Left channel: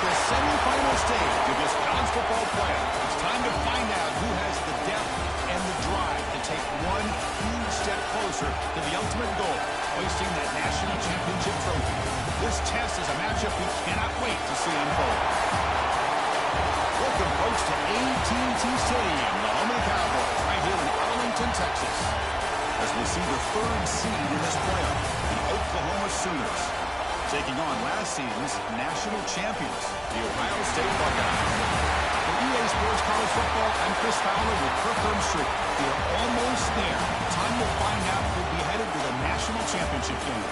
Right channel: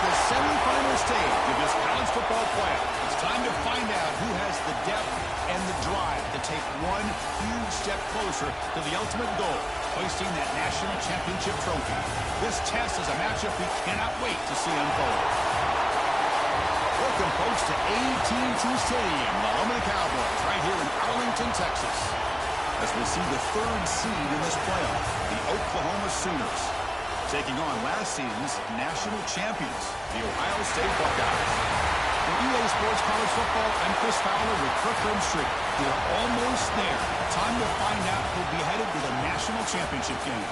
the semifinal stage of this college football playoff. It's time to find out who has the depth and the drive to take one huge step closer to the ultimate goal, hoisting that national championship trophy. This test is a matchup we cannot wait to see unfold. Welcome, folks, to AT&T Stadium, the home of the Cowboys, right here in Arlington, Texas, as we'll see the third seed in this playoff, the Oklahoma Sooners, taking on last season's national champions, the Ohio State Buckeyes. For EA Sports College Football, I'm Chris Fowler with Kirk Herbstreit. We are almost there. Time to find out who'll be headed to the national championship game.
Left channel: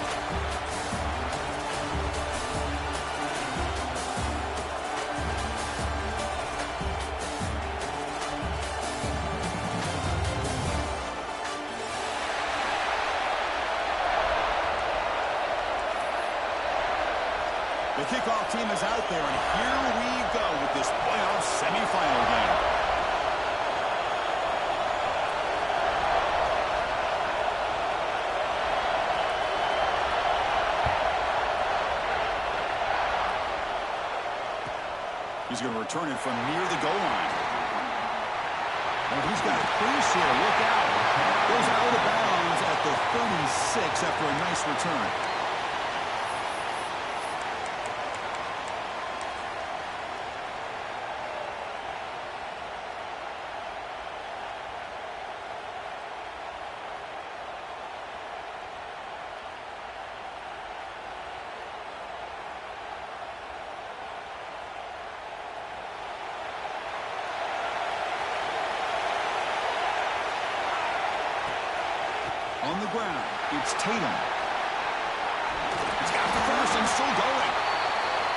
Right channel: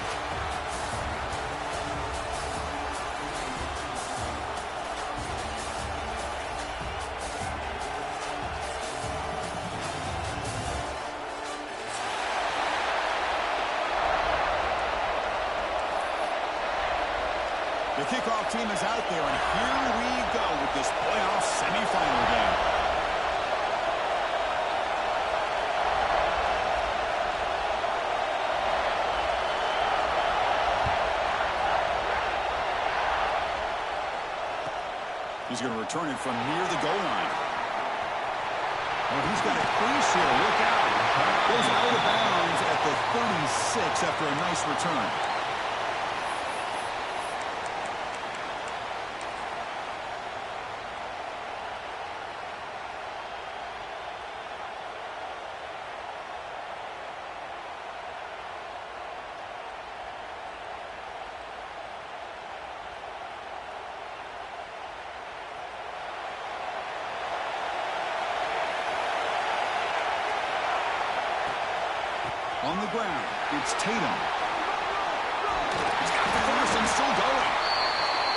The kickoff team is out there, and here we go with this playoff semifinal game. He's going to return it from near the goal line. Oh, he's got a crease here. Look out. Goes out of bounds at the 36 after a nice return. On the ground, it's Tatum. He's got the first and still going.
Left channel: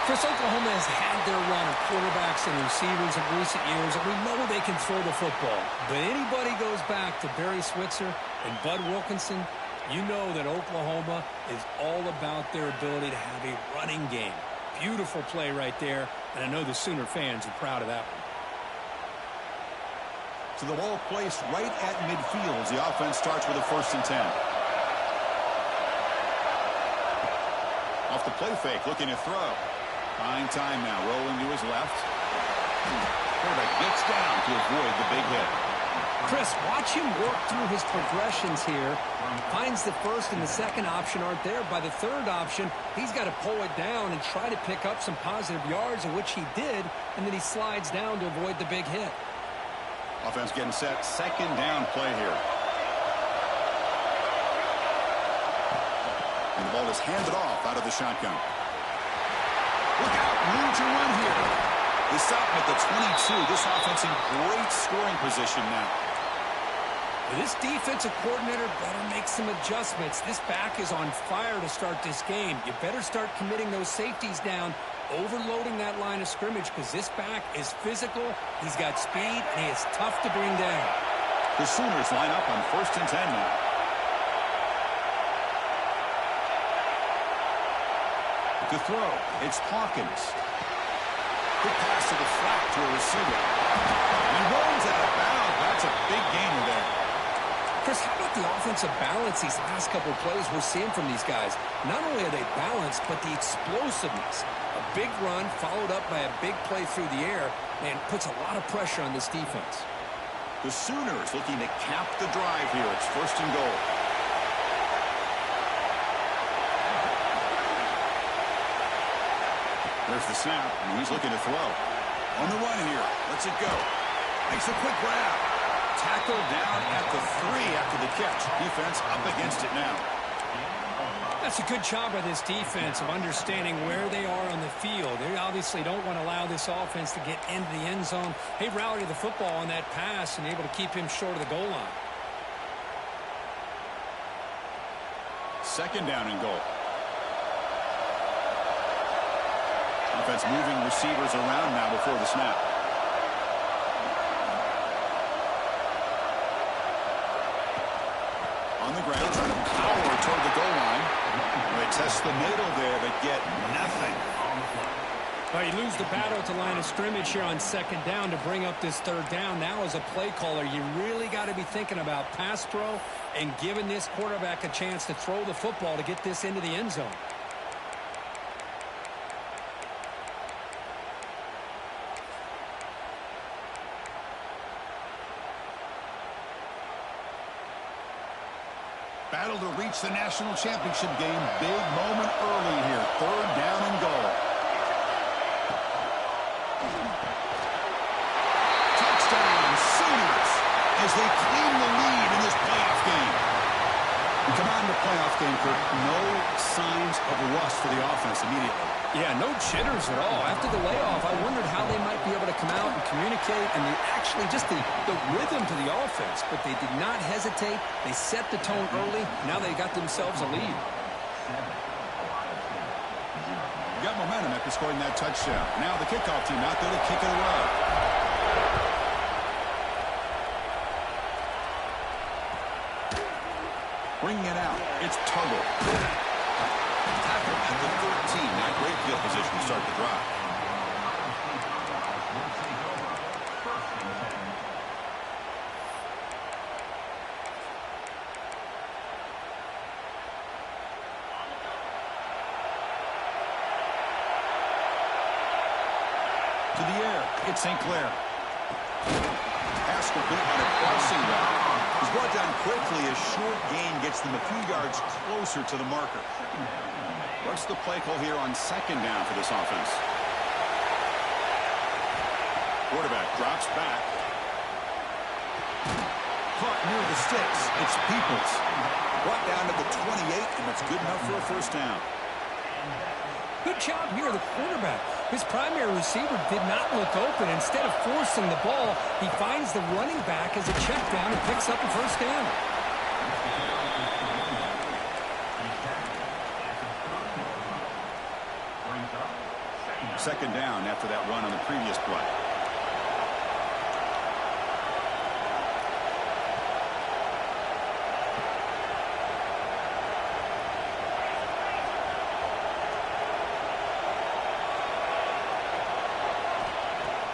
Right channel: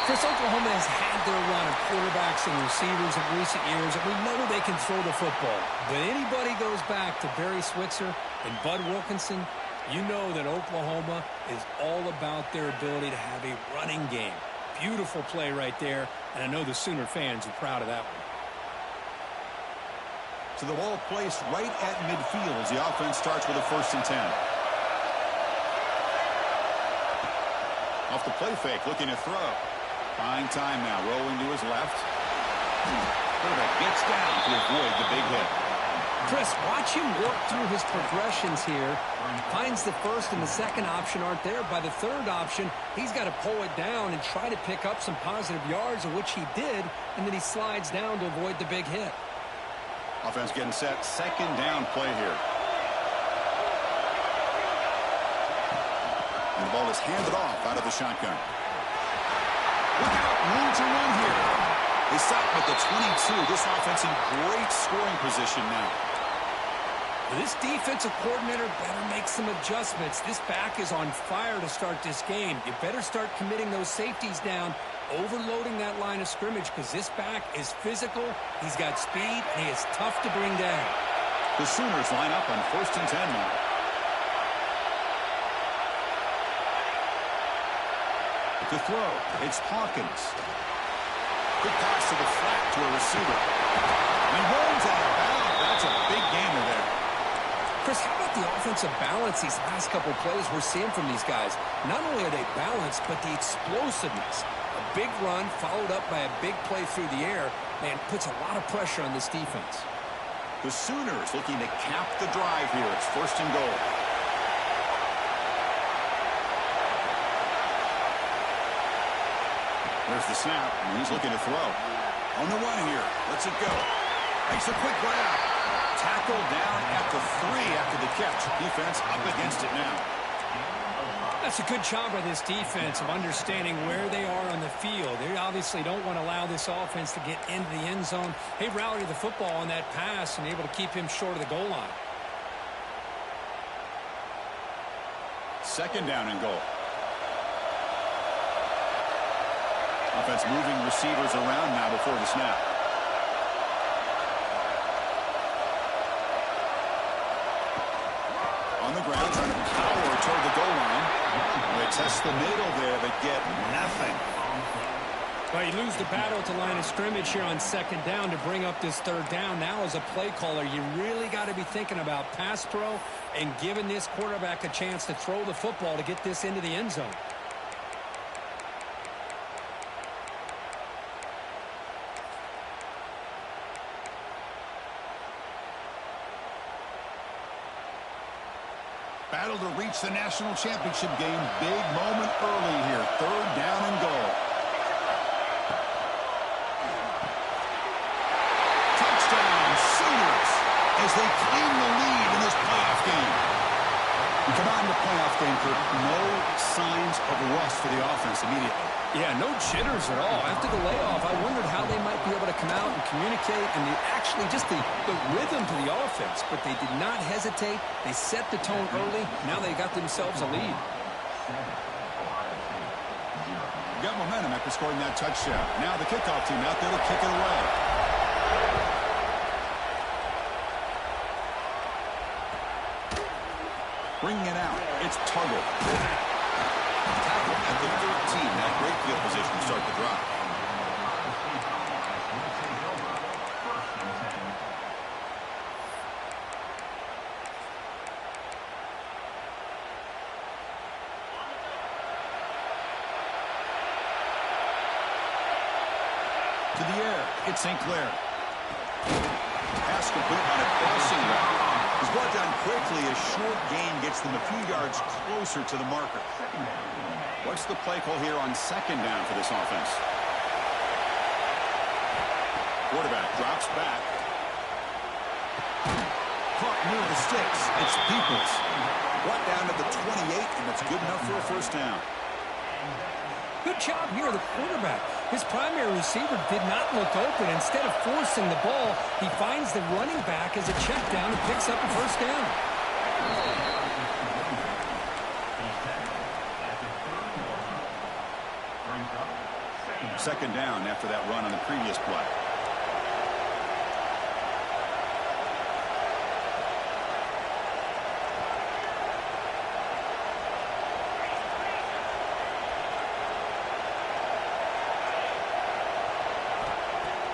Chris, Oklahoma has had their run of quarterbacks and receivers in recent years, and we know they can throw the football. But anybody goes back to Barry Switzer and Bud Wilkinson, you know that Oklahoma is all about their ability to have a running game. Beautiful play right there, and I know the Sooner fans are proud of that one. So the ball placed right at midfield as the offense starts with a 1st and 10. Off the play fake, looking to throw. Fine time now, rolling to his left. Quarterback gets down to avoid the big hit. Chris, watch him work through his progressions here. Finds the first and the second option aren't there. By the third option, he's got to pull it down and try to pick up some positive yards, of which he did, and then he slides down to avoid the big hit. Offense getting set. 2nd down play here. And the ball is handed off out of the shotgun. Look out. Room to run here. They stop him at the 22. This offense in great scoring position now. This defensive coordinator better make some adjustments. This back is on fire to start this game. You better start committing those safeties down, overloading that line of scrimmage, because this back is physical, he's got speed, and he is tough to bring down. The Sooners line up on 1st and 10 now. To throw, it's Hawkins. Quick pass to the flat to a receiver. And he rolls out of bounds. That's a big gainer there. Chris, how about the offensive balance these last couple plays we're seeing from these guys? Not only are they balanced, but the explosiveness. A big run followed up by a big play through the air, man, puts a lot of pressure on this defense. The Sooners looking to cap the drive here. It's 1st and goal. There's the snap, and he's looking to throw. On the run here. Lets it go. Makes a quick grab. Tackled down at the 3 after the catch. Defense up against it now. That's a good job by this defense of understanding where they are on the field. They obviously don't want to allow this offense to get into the end zone. They rallied the football on that pass and able to keep him short of the goal line. 2nd down and goal. Offense moving receivers around now before the snap. On the ground, trying to power toward the goal line. They test the middle there, but get nothing. Well, you lose the battle at the line of scrimmage here on 2nd down to bring up this 3rd down. Now, as a play caller, you really got to be thinking about pass pro and giving this quarterback a chance to throw the football to get this into the end zone. battle to reach the national championship game. Big moment early here. 3rd down and goal. Touchdown, Sooners, as they claim the lead in this playoff game. We come out in the playoff game, Kirk. No signs of rust for the offense immediately. Yeah, no jitters at all. After the layoff, I wondered how they might be able to come out and communicate and actually just the rhythm to the offense. But they did not hesitate. They set the tone early. Now they got themselves a lead. Got momentum after scoring that touchdown. Now the kickoff team out there to kick it away. Bringing it out, it's Tuggle. Tackle at the 13. Not great field position to start the drive. To the air, it's St. Clair. Pass complete on a crossing route. He's brought down quickly. A short gain gets them a few yards closer to the marker. What's the play call here on 2nd down for this offense? Quarterback drops back. Caught near the sticks. It's Peoples. Brought down to the 28, and that's good enough for a 1st down. Good job here, the quarterback. His primary receiver did not look open. Instead of forcing the ball, he finds the running back as a check down and picks up a 1st down. Second down after that run on the previous play.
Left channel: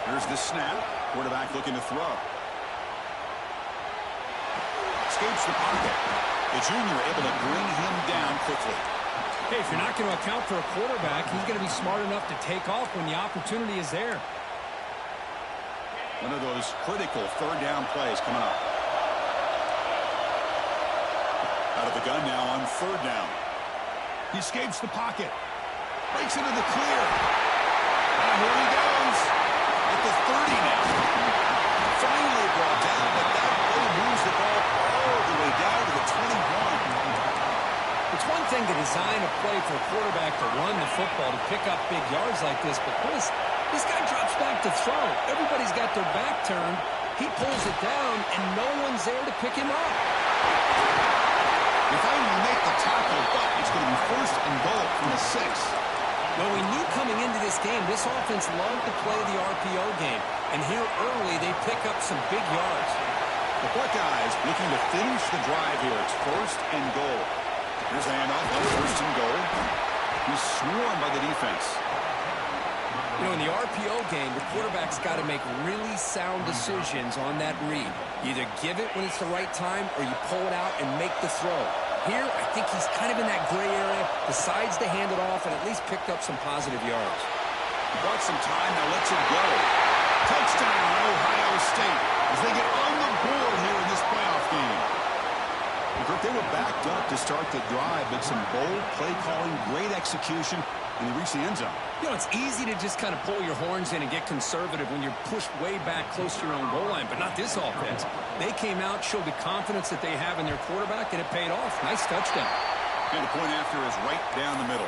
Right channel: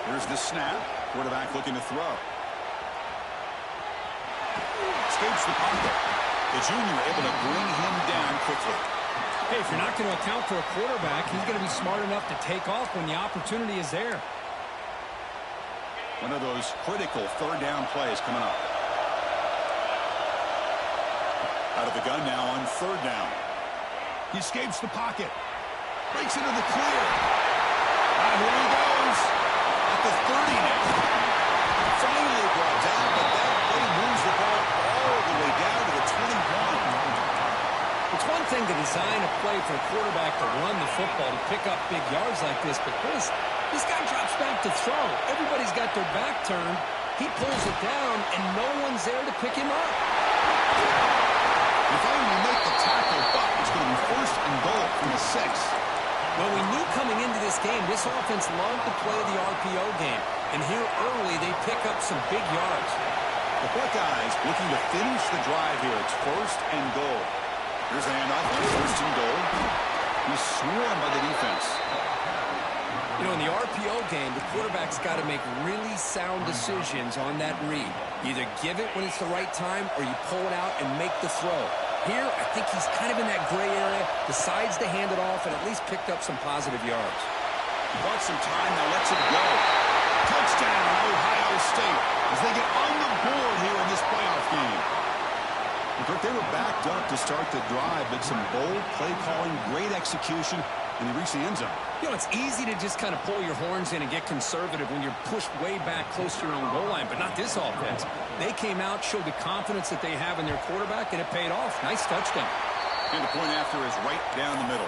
Here's the snap. Quarterback looking to throw. Escapes the pocket. The junior able to bring him down quickly. Hey, if you're not going to account for a quarterback, he's going to be smart enough to take off when the opportunity is there. One of those critical 3rd down plays coming up. Out of the gun now on 3rd down. He escapes the pocket. Breaks into the clear. Here he goes. At the 30 now. Finally brought down, but that play moves the ball all the way down to the 21. It's one thing to design a play for a quarterback to run the football, to pick up big yards like this, but Chris, this guy drops back to throw. Everybody's got their back turned. He pulls it down, and no one's there to pick him up. They finally make the tackle, but it's going to be 1st and goal from the 6. Well, we knew coming into this game, this offense loved to play the RPO game. And here early, they pick up some big yards. The Buckeyes looking to finish the drive here. It's 1st and goal. Here's the handoff on 1st and goal. He's swarmed by the defense. You know, in the RPO game, the quarterback's got to make really sound decisions on that read. You either give it when it's the right time or you pull it out and make the throw. Here, I think he's kind of in that gray area, decides to hand it off, and at least picked up some positive yards. Bought some time, now lets it go. Touchdown, Ohio State, as they get on the board here in this playoff game. Kirk, they were backed up to start the drive, but some bold play calling, great execution, and they reached the end zone. You know, it's easy to just kind of pull your horns in and get conservative when you're pushed way back close to your own goal line, but not this offense. They came out, showed the confidence that they have in their quarterback, and it paid off. Nice touchdown. And the point after is right down the middle.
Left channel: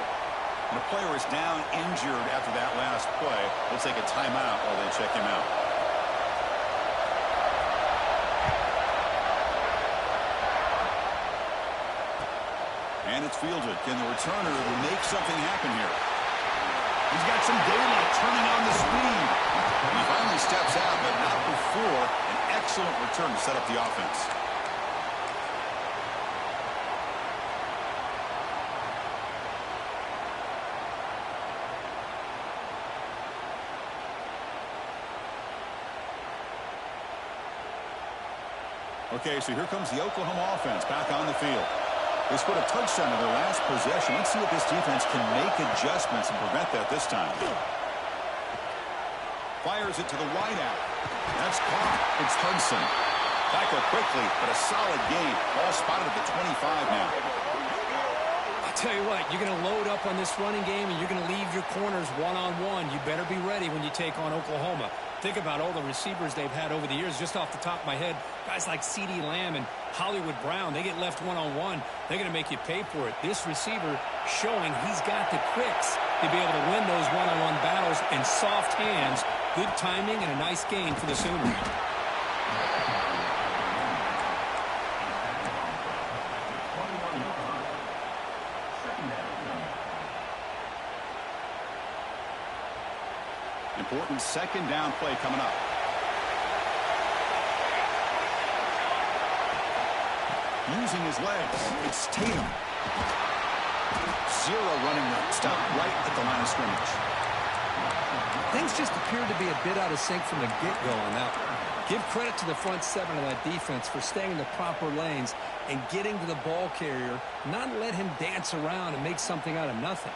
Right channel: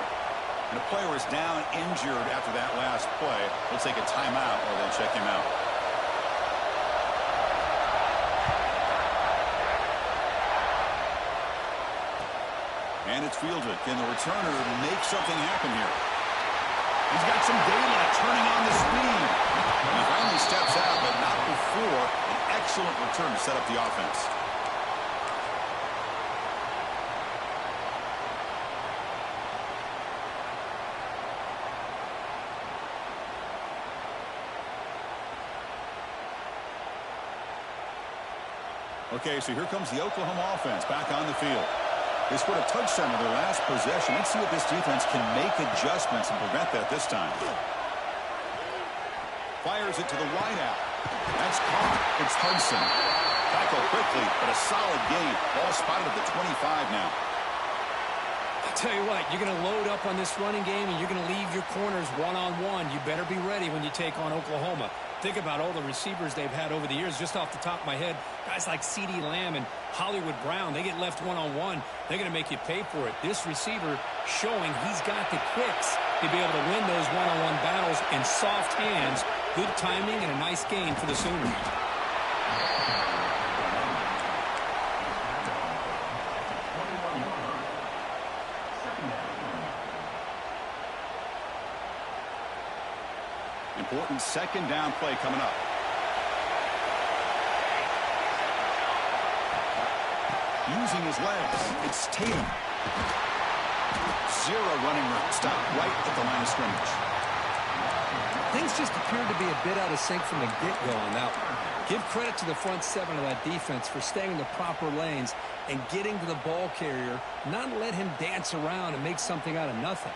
And a player is down injured after that last play. They'll take a timeout while they check him out. And it's fielded. Can the returner make something happen here? He's got some daylight turning on the speed. And he finally steps out, but not before an excellent return to set up the offense. Okay, so here comes the Oklahoma offense back on the field. They scored a touchdown in their last possession. Let's see if this defense can make adjustments and prevent that this time. Fires it to the wideout. That's caught. It's Hudson. Tackle quickly, but a solid gain. Ball spotted at the 25 now. I'll tell you what, you're going to load up on this running game and you're going to leave your corners one-on-one. You better be ready when you take on Oklahoma. Think about all the receivers they've had over the years. Just off the top of my head, guys like CeeDee Lamb and Hollywood Brown, they get left one-on-one. They're going to make you pay for it. This receiver showing he's got the quicks to be able to win those one-on-one battles in soft hands. Good timing and a nice gain for the Sooners. Important second down play coming up. Using his legs, it's Tatum. Zero running room. Stop right at the line of scrimmage. Things just appeared to be a bit out of sync from the get-go on that one. Give credit to the front seven of that defense for staying in the proper lanes and getting to the ball carrier, not let him dance around and make something out of nothing.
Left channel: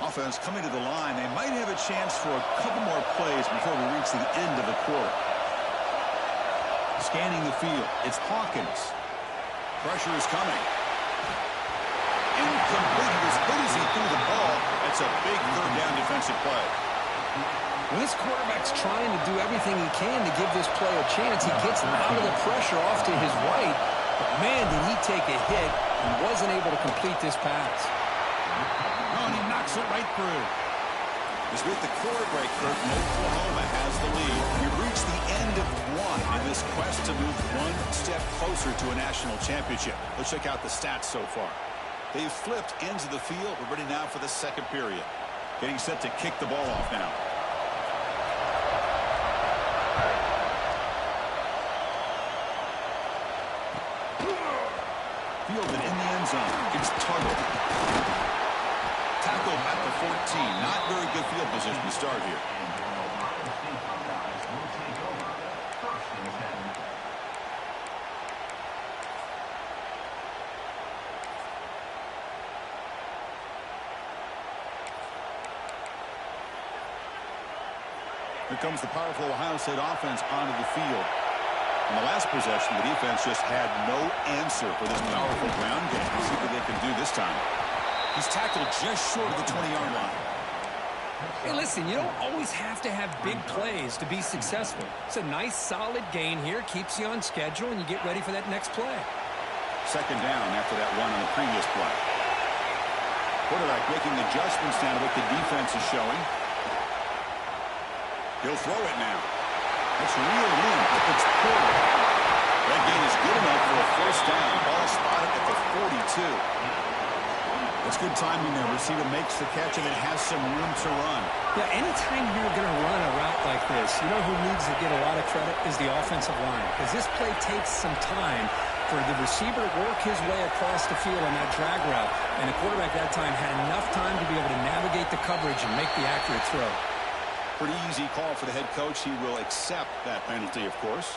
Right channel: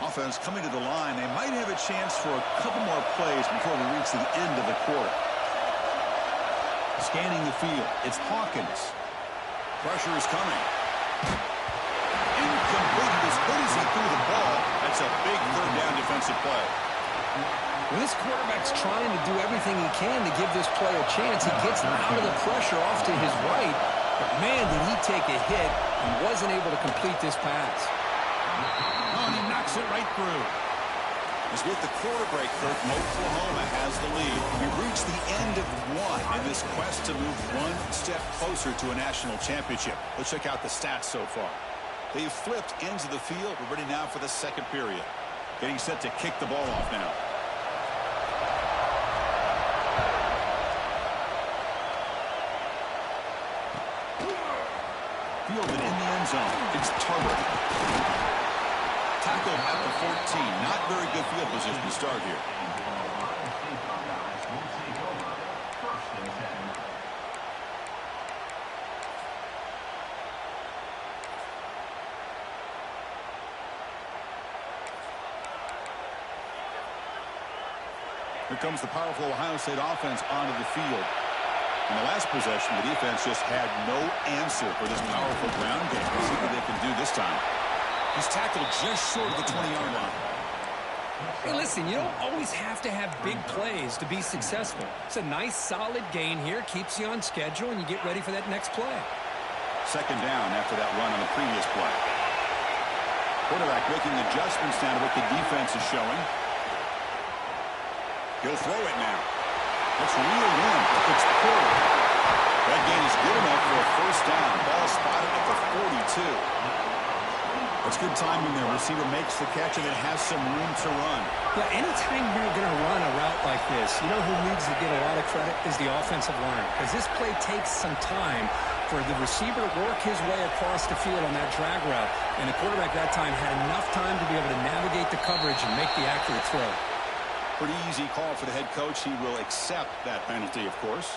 Offense coming to the line. They might have a chance for a couple more plays before we reach the end of the quarter. Scanning the field. It's Hawkins. Pressure is coming. Incomplete. As good as he threw the ball, that's a big third down defensive play. When this quarterback's trying to do everything he can to give this play a chance, he gets out of the pressure off to his right. But, man, did he take a hit and wasn't able to complete this pass. Oh, and he knocks it right through. As with the quarter break, Kurt, Oklahoma has the lead. We've reached the end of one in this quest to move one step closer to a national championship. Let's check out the stats so far. They've flipped ends of the field. We're ready now for the second period. Getting set to kick the ball off now. Fielded in the end zone. It's Tuggle. Tackled at the 14. Not very good field position to start here. Here comes the powerful Ohio State offense onto the field. In the last possession, the defense just had no answer for this powerful ground game. Let's see what they can do this time. He's tackled just short of the 20-yard line. Hey, listen, you don't always have to have big plays to be successful. It's a nice, solid gain here. Keeps you on schedule, and you get ready for that next play. Second down after that run on the previous play. Quarterback making adjustments now to what the defense is showing. He'll throw it now. That's real wind. It's Porter. That gain is good enough for a first down. Ball spotted at the 42. That's good timing there. Receiver makes the catch and it has some room to run. Yeah, anytime you're going to run a route like this, you know who needs to get a lot of credit is the offensive line. Because this play takes some time for the receiver to work his way across the field on that drag route. And the quarterback that time had enough time to be able to navigate the coverage and make the accurate throw. Pretty easy call for the head coach. He will accept that penalty, of course.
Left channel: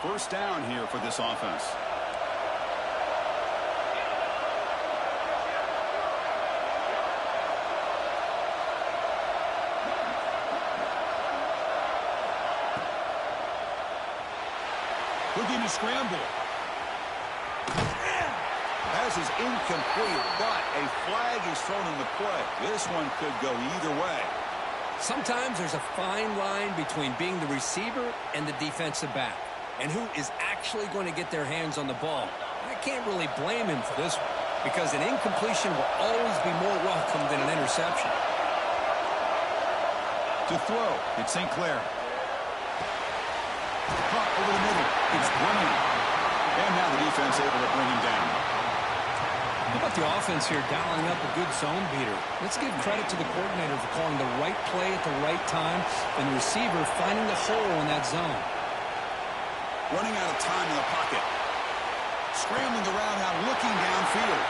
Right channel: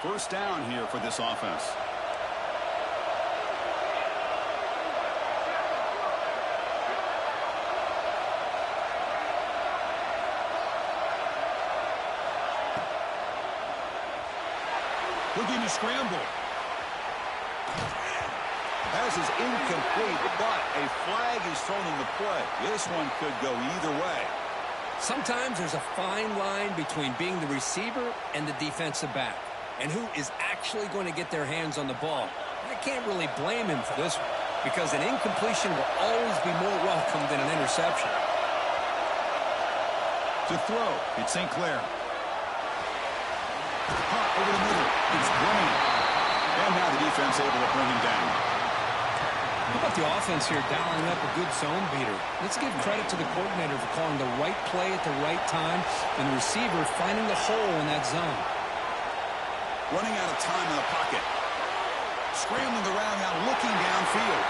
First down here for this offense. Looking to scramble. Pass is incomplete, but a flag is thrown in the play. This one could go either way. Sometimes there's a fine line between being the receiver and the defensive back, and who is actually going to get their hands on the ball. I can't really blame him for this one, because an incompletion will always be more welcome than an interception. To throw, it's St. Clair. Caught over the middle. It's Bryant. And now the defense able to bring him down. How about the offense here dialing up a good zone beater? Let's give credit to the coordinator for calling the right play at the right time and the receiver finding the hole in that zone. Running out of time in the pocket. Scrambling around now, looking downfield.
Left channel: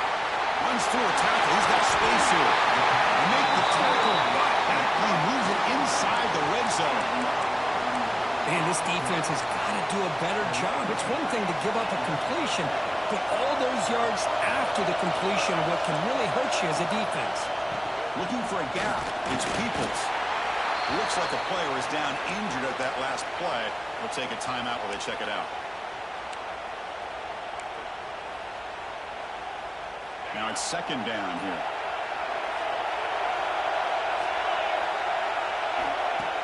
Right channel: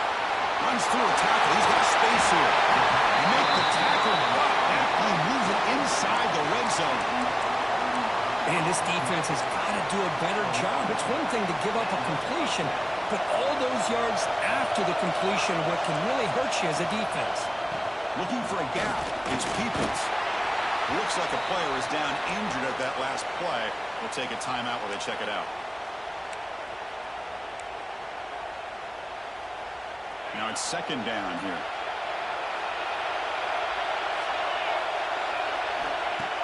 Runs through a tackle. He's got space here. They make the tackle, but that play moves it inside the red zone. And this defense has got to do a better job. It's one thing to give up a completion, but all those yards after the completion are what can really hurt you as a defense. Looking for a gap. It's Peoples. Looks like a player is down injured at that last play. We'll take a timeout while they check it out. Now it's second down here.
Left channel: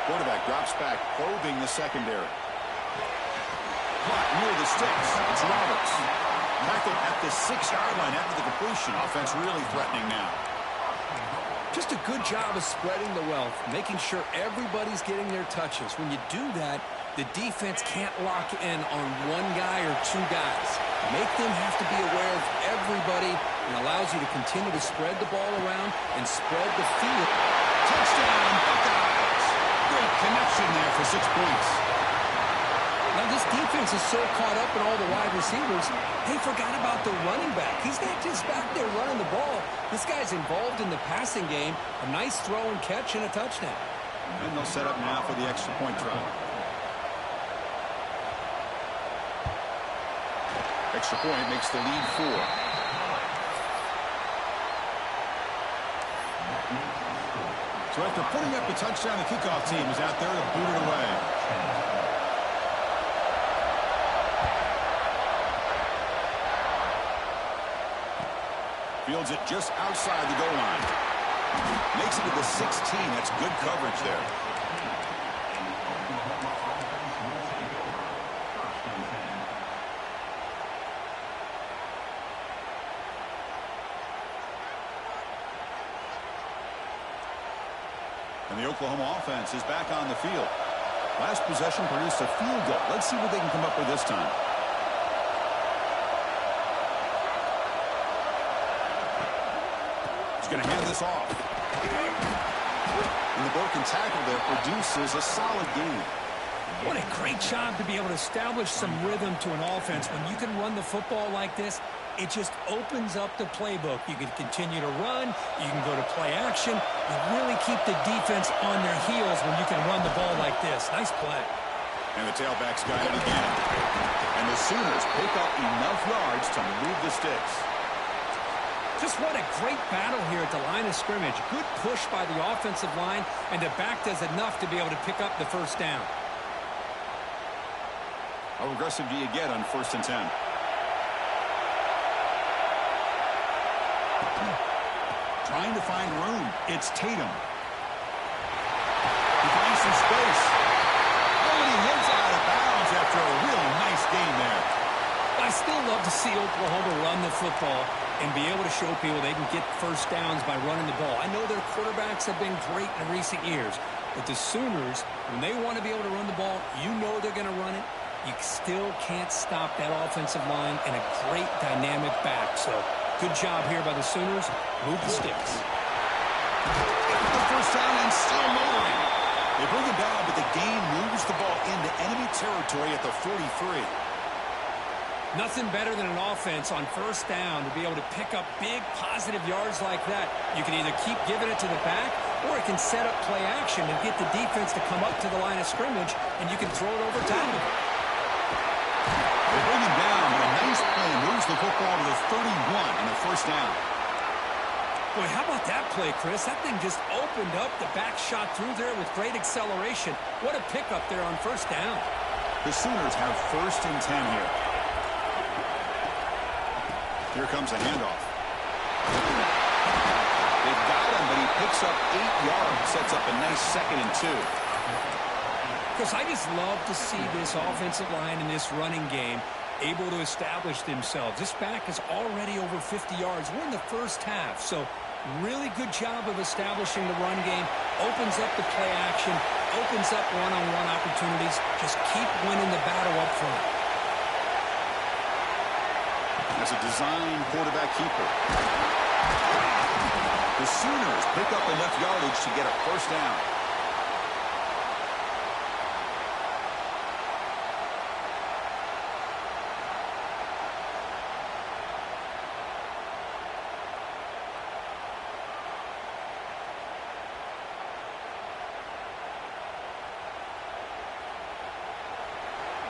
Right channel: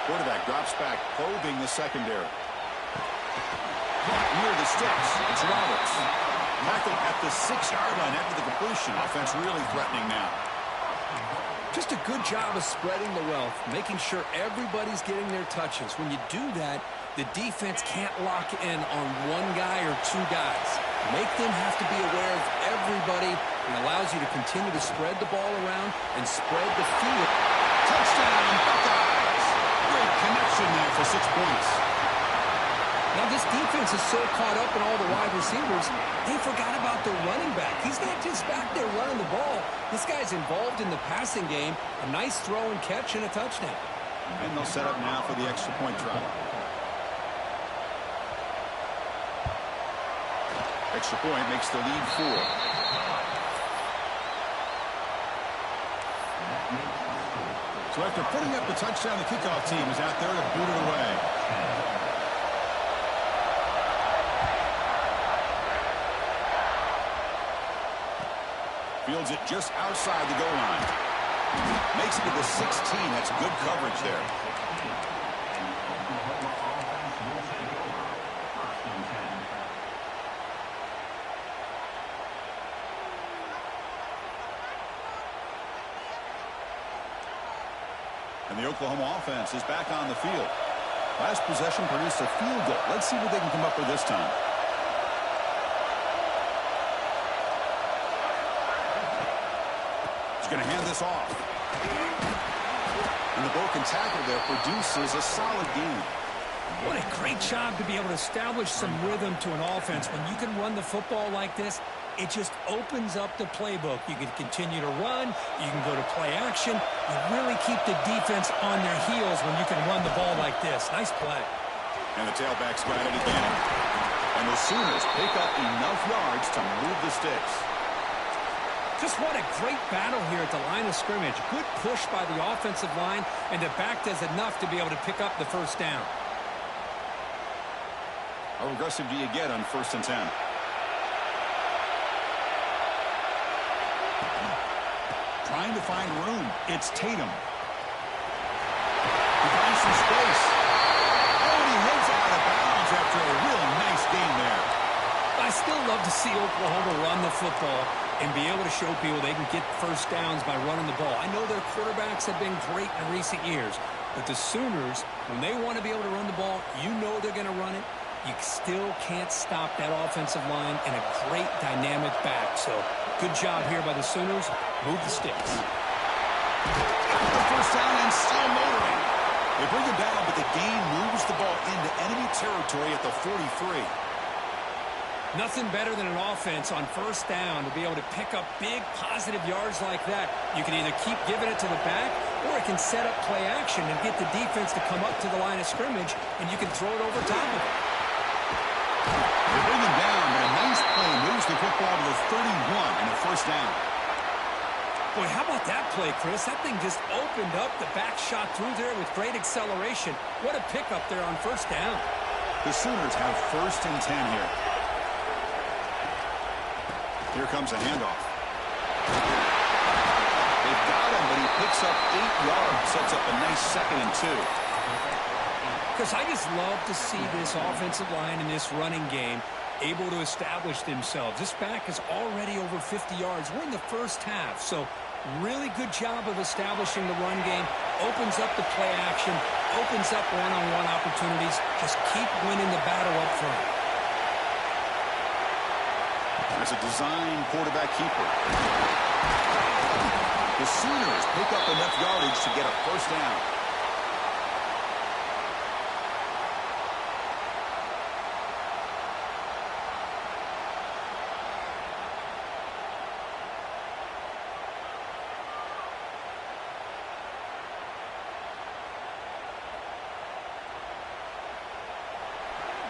Quarterback drops back, probing the secondary. Caught near the sticks. It's Roberts. Tackled at the 6-yard line after the completion. Offense really threatening now. Just a good job of spreading the wealth, making sure everybody's getting their touches. When you do that, the defense can't lock in on one guy or two guys. Make them have to be aware of everybody, and allows you to continue to spread the ball around and spread the field. Touchdown, Buckeyes! Great connection there for 6 points. Now, this defense is so caught up in all the wide receivers, they forgot about the running back. He's not just back there running the ball. This guy's involved in the passing game. A nice throw and catch and a touchdown. And they'll set up now for the extra point try. Extra point makes the lead 4. So after putting up a touchdown, the kickoff team is out there to boot it away. Fields it just outside the goal line. Makes it to the 16. That's good coverage there. And the Oklahoma offense is back on the field. Last possession produced a field goal. Let's see what they can come up with this time. He's going to hand this off. And the broken tackle there produces a solid gain. What a great job to be able to establish some rhythm to an offense. When you can run the football like this, it just opens up the playbook. You can continue to run. You can go to play action. You really keep the defense on their heels when you can run the ball like this. Nice play. And the tailbacks got it again. And the Sooners pick up enough yards to move the sticks. Just what a great battle here at the line of scrimmage. Good push by the offensive line, and the back does enough to be able to pick up the first down. How aggressive do you get on 1st and 10? Trying to find room. It's Tatum. He finds some space. Oh, and he heads out of bounds after a really nice game there. I still love to see Oklahoma run the football and be able to show people they can get first downs by running the ball. I know their quarterbacks have been great in recent years, but the Sooners, when they want to be able to run the ball, you know they're going to run it. You still can't stop that offensive line and a great dynamic back. So good job here by the Sooners. Move the sticks. Got the first down and still motoring. They bring him down, but the gain moves the ball into enemy territory at the 43. Nothing better than an offense on first down to be able to pick up big positive yards like that. You can either keep giving it to the back, or it can set up play action and get the defense to come up to the line of scrimmage, and you can throw it over top of it. They bring him down, but a nice play moves the football to the 31 and a first down. Boy, how about that play, Chris? That thing just opened up. The back shot through there with great acceleration. What a pickup there on first down. The Sooners have 1st and 10 here. Here comes a handoff. They've got him, but he picks up 8 yards, sets up a nice 2nd and 2. Because I just love to see this offensive line in this running game able to establish themselves. This back is already over 50 yards. We're in the first half, so really good job of establishing the run game. Opens up the play action, opens up one-on-one opportunities. Just keep winning the battle up front. As a design quarterback keeper. The Sooners pick up enough yardage to get a first down.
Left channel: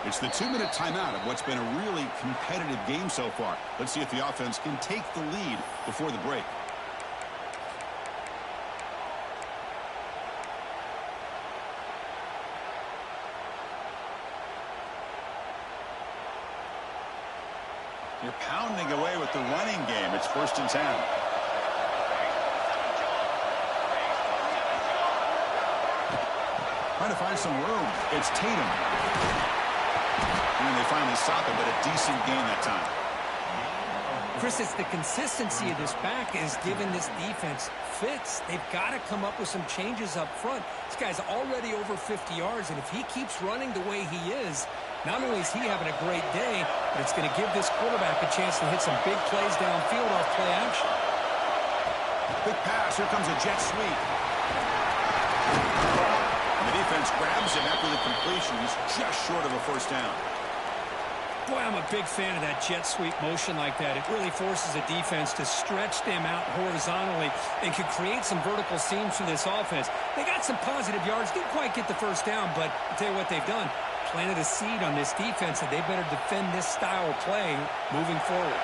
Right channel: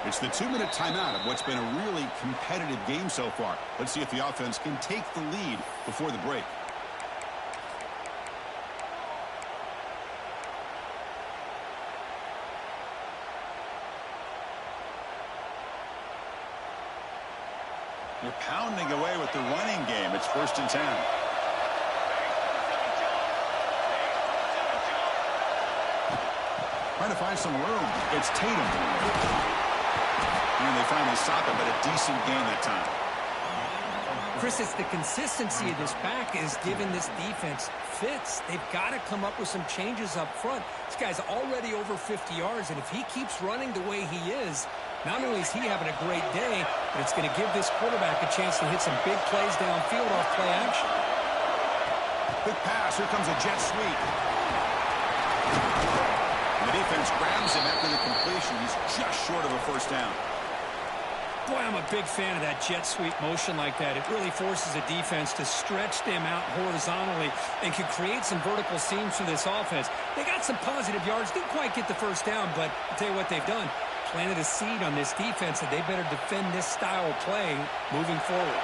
It's the 2-minute timeout of what's been a really competitive game so far. Let's see if the offense can take the lead before the break. You're pounding away with the running game. It's 1st and 10. Trying to find some room. It's Tatum. And they finally stop it, but a decent gain that time. Chris, it's the consistency of this back is giving this defense fits. They've got to come up with some changes up front. This guy's already over 50 yards, and if he keeps running the way he is, not only is he having a great day, but it's going to give this quarterback a chance to hit some big plays downfield off play action. Quick pass. Here comes a jet sweep. And the defense grabs him after the completion. He's just short of a 1st down. Boy, I'm a big fan of that jet sweep motion like that. It really forces a defense to stretch them out horizontally and can create some vertical seams for this offense. They got some positive yards. Didn't quite get the 1st down, but I'll tell you what they've done. Planted a seed on this defense, and they better defend this style of play moving forward.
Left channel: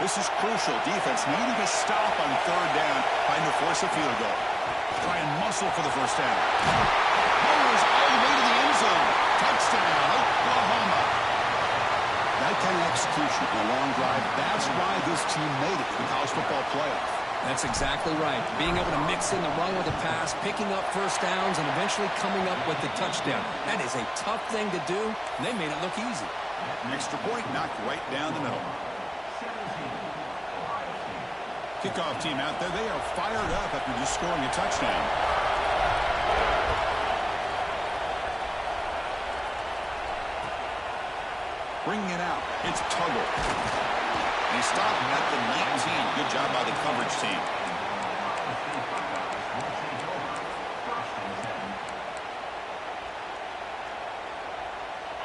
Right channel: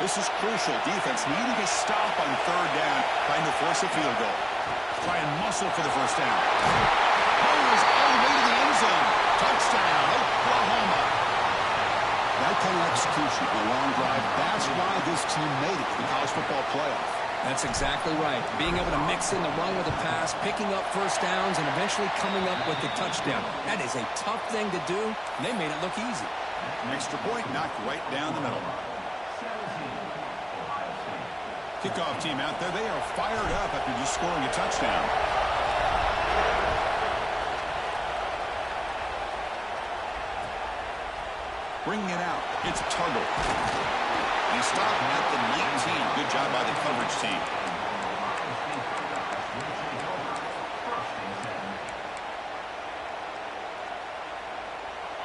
This is crucial. Defense needing a stop on 3rd down, trying to force a field goal. Try and muscle for the 1st down. Goes all the way to the end zone. Touchdown, Oklahoma. That kind of execution on a long drive, that's why this team made it to the college football playoff. That's exactly right. Being able to mix in the run with the pass, picking up 1st downs, and eventually coming up with the touchdown. That is a tough thing to do, and they made it look easy. Extra point knocked right down the middle. Kickoff team out there. They are fired up after just scoring a touchdown. Bringing it out. It's Tuggle. And he stopped at the 19. Good job by the coverage team.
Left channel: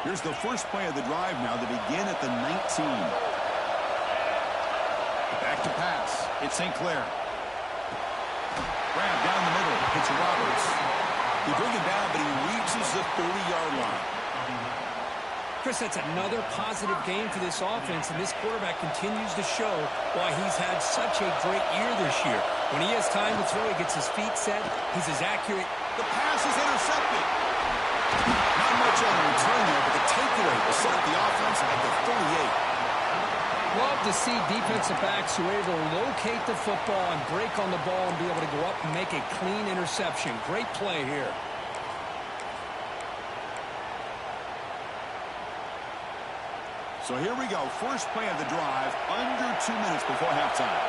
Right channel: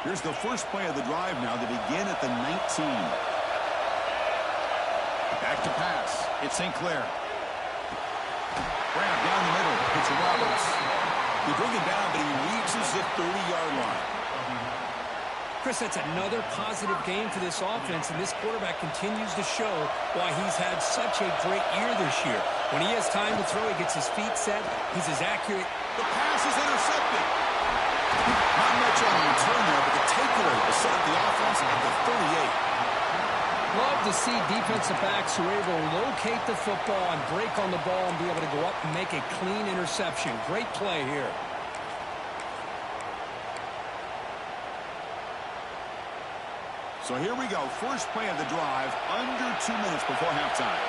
Here's the first play of the drive now to begin at the 19. Back to pass. It's St. Clair. Grab down the middle. It's Roberts. They bring him down, but he reaches the 30-yard line. Chris, that's another positive game for this offense, and this quarterback continues to show why he's had such a great year this year. When he has time to throw, he gets his feet set. He's as accurate. The pass is intercepted. Not much on the return there, but the takeaway will set up the offense at the 38. Love to see defensive backs who are able to locate the football and break on the ball and be able to go up and make a clean interception. Great play here. So here we go. First play of the drive, under 2 minutes before halftime.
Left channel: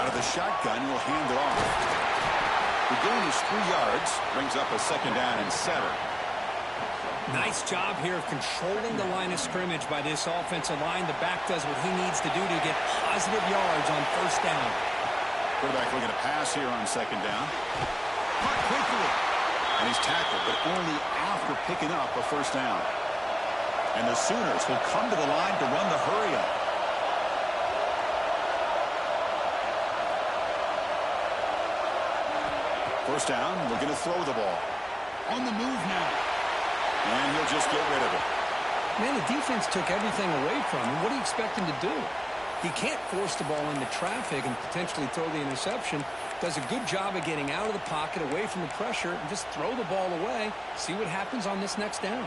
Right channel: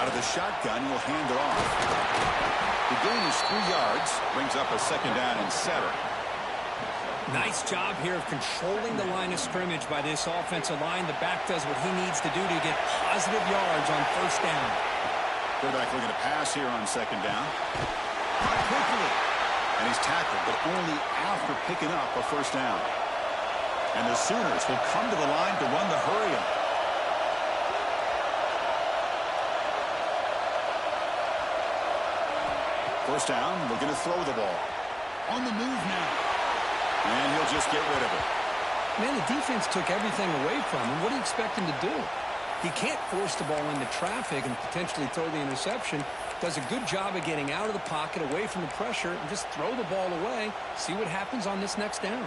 Out of the shotgun, he'll hand it off. The gain is 3 yards, brings up a 2nd down and 7. Nice job here of controlling the line of scrimmage by this offensive line. The back does what he needs to do to get positive yards on 1st down. Quarterback looking to pass here on 2nd down. Caught quickly. And he's tackled, but only after picking up a 1st down. And the Sooners will come to the line to run the hurry-up. First down, looking to throw the ball. On the move now. And he'll just get rid of it. Man, the defense took everything away from him. What do you expect him to do? He can't force the ball into traffic and potentially throw the interception. Does a good job of getting out of the pocket, away from the pressure, and just throw the ball away. See what happens on this next down.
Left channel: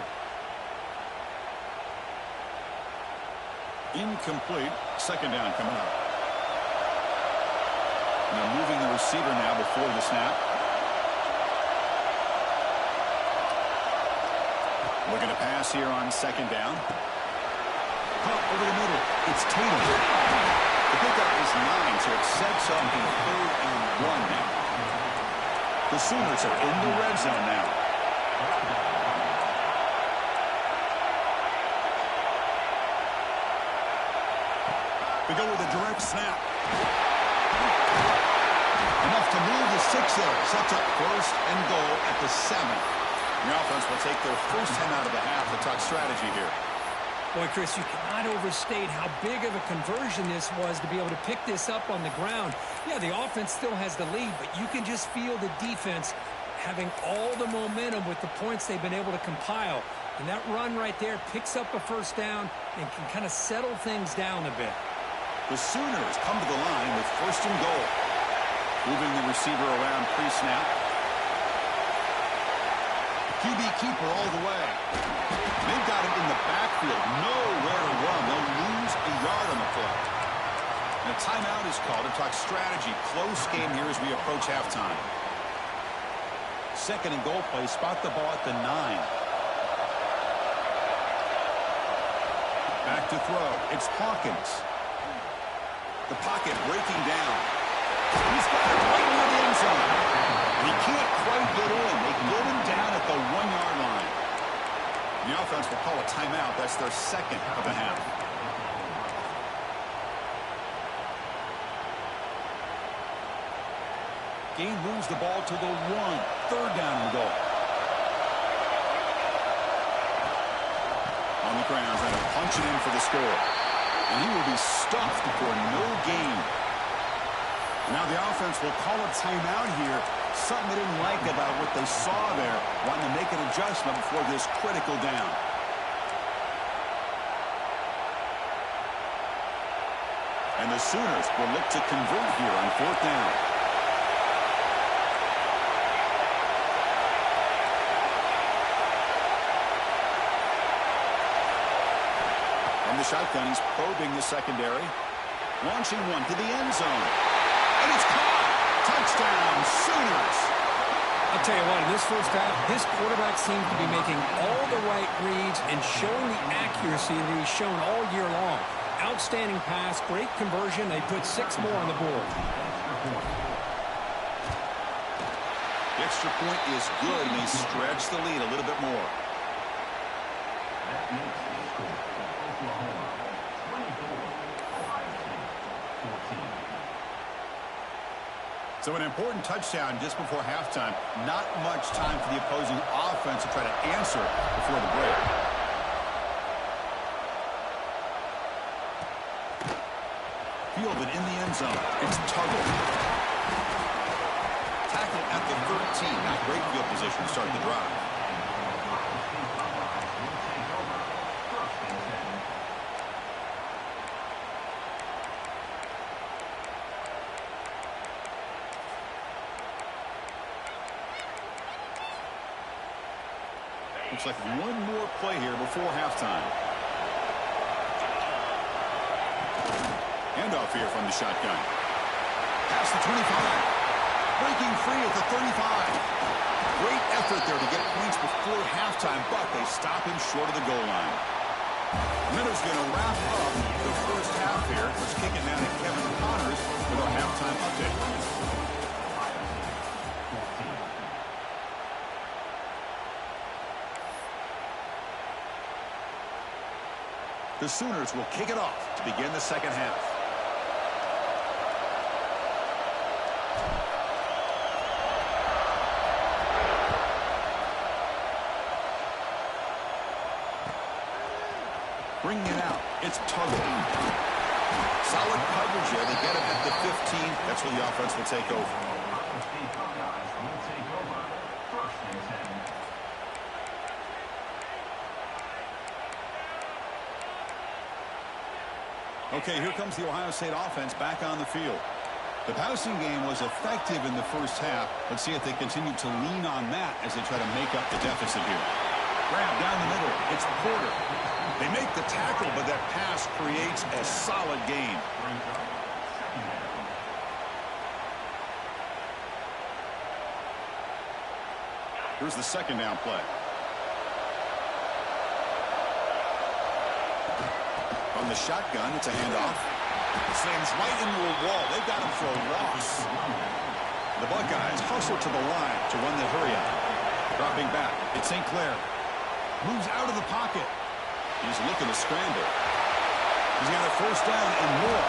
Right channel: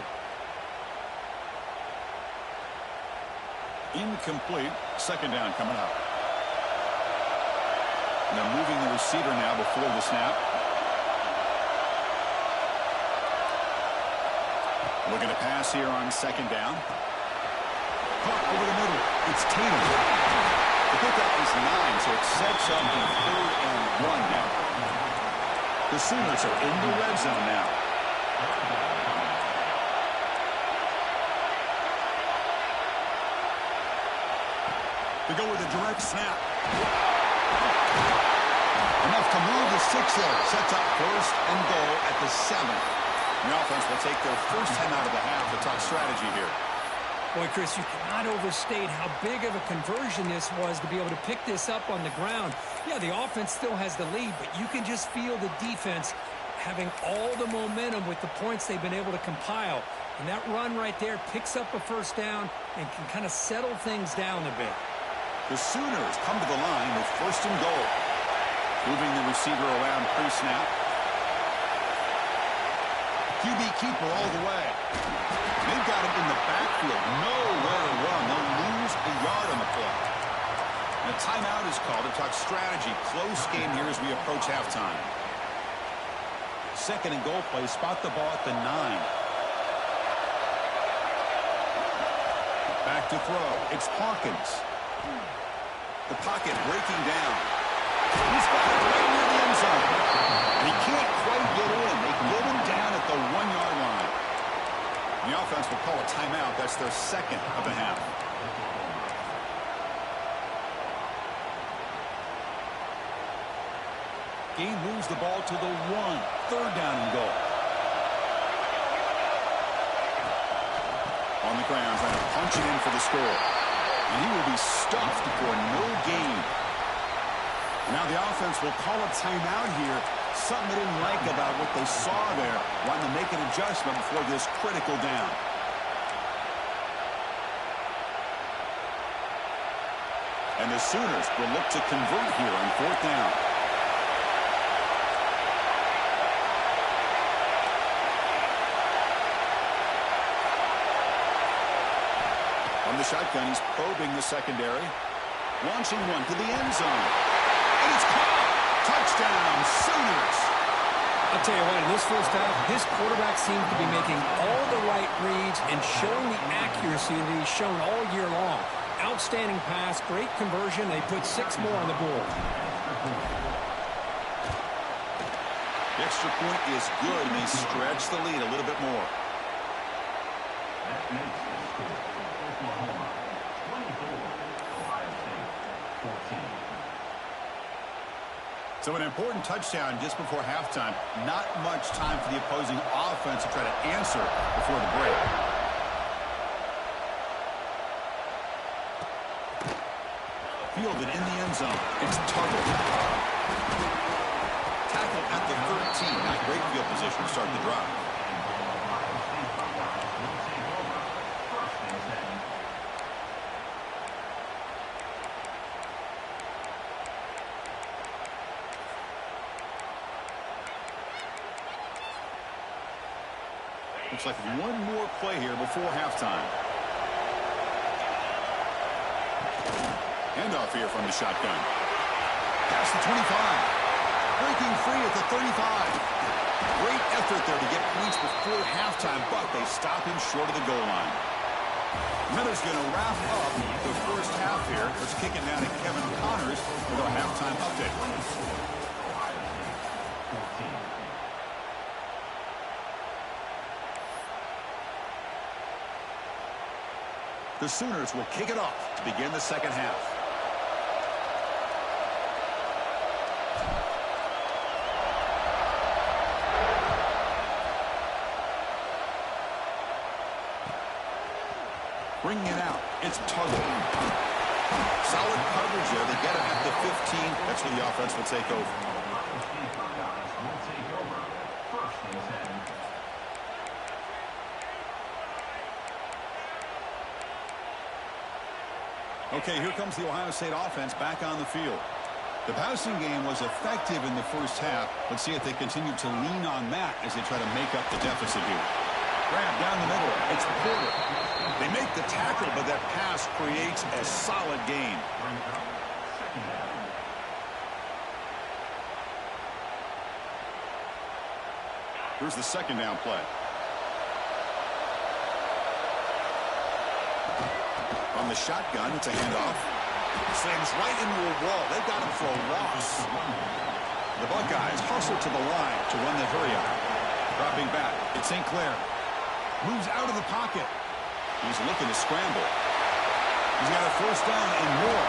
Incomplete. 2nd down coming up. And they're moving the receiver now before the snap. Looking to pass here on 2nd down. Caught over the middle. It's Tatum. The pickup is 9, so it sets up a 3rd and 1 now. The Sooners are in the red zone now. They go with a direct snap. Enough to move the 6 there. Sets up 1st and goal at the 7. The offense will take their first 10 out of the half to talk strategy here. Boy, Chris, you cannot overstate how big of a conversion this was to be able to pick this up on the ground. Yeah, the offense still has the lead, but you can just feel the defense having all the momentum with the points they've been able to compile. And that run right there picks up a 1st down and can kind of settle things down a bit. The Sooners come to the line with 1st and goal. Moving the receiver around pre-snap. QB keeper all the way. They've got him in the backfield. Nowhere to run. They'll lose a yard on the play. And a timeout is called to talk strategy. Close game here as we approach halftime. Second and goal play. Spot the ball at the 9. Back to throw. It's Hawkins. The pocket breaking down. He's got it right near the end zone. And he can't quite get in. They get him down at the 1-yard line. The offense will call a timeout. That's their second of the half. Gain moves the ball to the 1. Third down and goal. On the ground, trying to punch it in for the score. And he will be stuffed for no gain. Now the offense will call a timeout here. Something they didn't like about what they saw there. Wanting to make an adjustment before this critical down. And the Sooners will look to convert here on 4th down. From the shotgun, he's probing the secondary. Launching one to the end zone. And it's caught. Touchdown, Sooners. I'll tell you what, in this first half, his quarterback seems to be making all the right reads and showing the accuracy that he's shown all year long. Outstanding pass, great conversion. They put 6 more on the board. The extra point is good, and they stretch the lead a little bit more. That makes the score Oklahoma 24, Ohio State 14. So an important touchdown just before halftime. Not much time for the opposing offense to try to answer before the break. Fielded in the end zone. It's Tuggle. Tackle at the 13. Not great field position to start the drive. Looks like one more play here before halftime. Handoff here from the shotgun. Past the 25. Breaking free at the 35. Great effort there to get points before halftime, but they stop him short of the goal line. Miller's going to wrap up the first half here. Let's kick it now to Kevin Connors with our halftime update. The Sooners will kick it off to begin the second half. Bringing it out, it's Tuggle. Solid coverage there. They get him at the 15. That's where the offense will take over. First and 10. Okay, here comes the Ohio State offense back on the field. The passing game was effective in the first half. Let's see if they continue to lean on that as they try to make up the deficit here. Grab down the middle. It's Porter. They make the tackle, but that pass creates a solid gain. Here's the second down play. On the shotgun, it's a handoff. Slams right into a wall. They've got him for a loss. The Buckeyes hustle to the line to run the hurry up. Dropping back, it's St. Clair. Moves out of the pocket. He's looking to scramble. He's got a first down and more.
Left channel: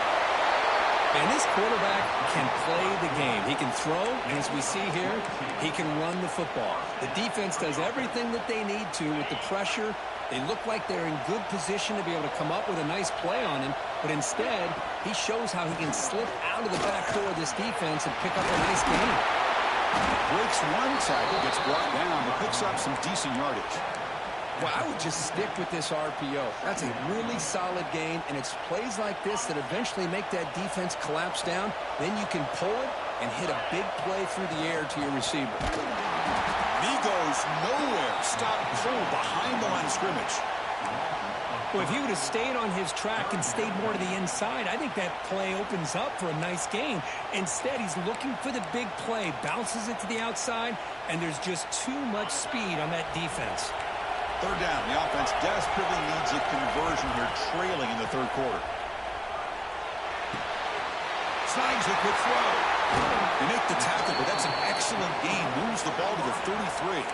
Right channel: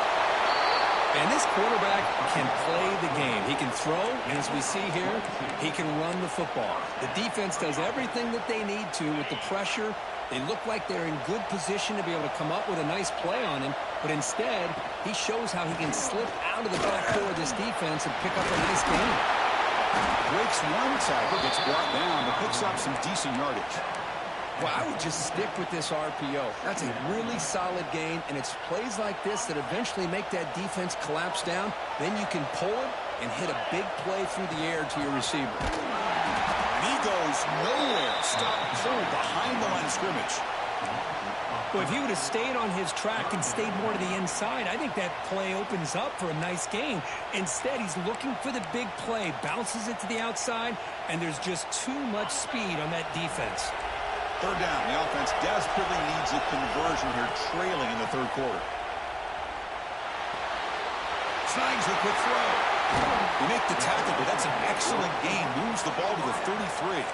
And this quarterback can play the game. He can throw, and as we see here, he can run the football. The defense does everything that they need to with the pressure. They look like they're in good position to be able to come up with a nice play on him, but instead, he shows how he can slip out of the back door of this defense and pick up a nice gain. Breaks one tackle, gets brought down, but picks up some decent yardage. Well, I would just stick with this RPO. That's a really solid gain, and it's plays like this that eventually make that defense collapse down. Then you can pull it and hit a big play through the air to your receiver. And he goes goes nowhere. Stopped cold behind the line of scrimmage. Well, if he would have stayed on his track and stayed more to the inside, I think that play opens up for a nice gain. Instead, he's looking for the big play, bounces it to the outside, and there's just too much speed on that defense. Third down. The offense desperately needs a conversion here, trailing in the third quarter. Snags the quick throw. They make the tackle, but that's an excellent gain. Moves the ball to the 33.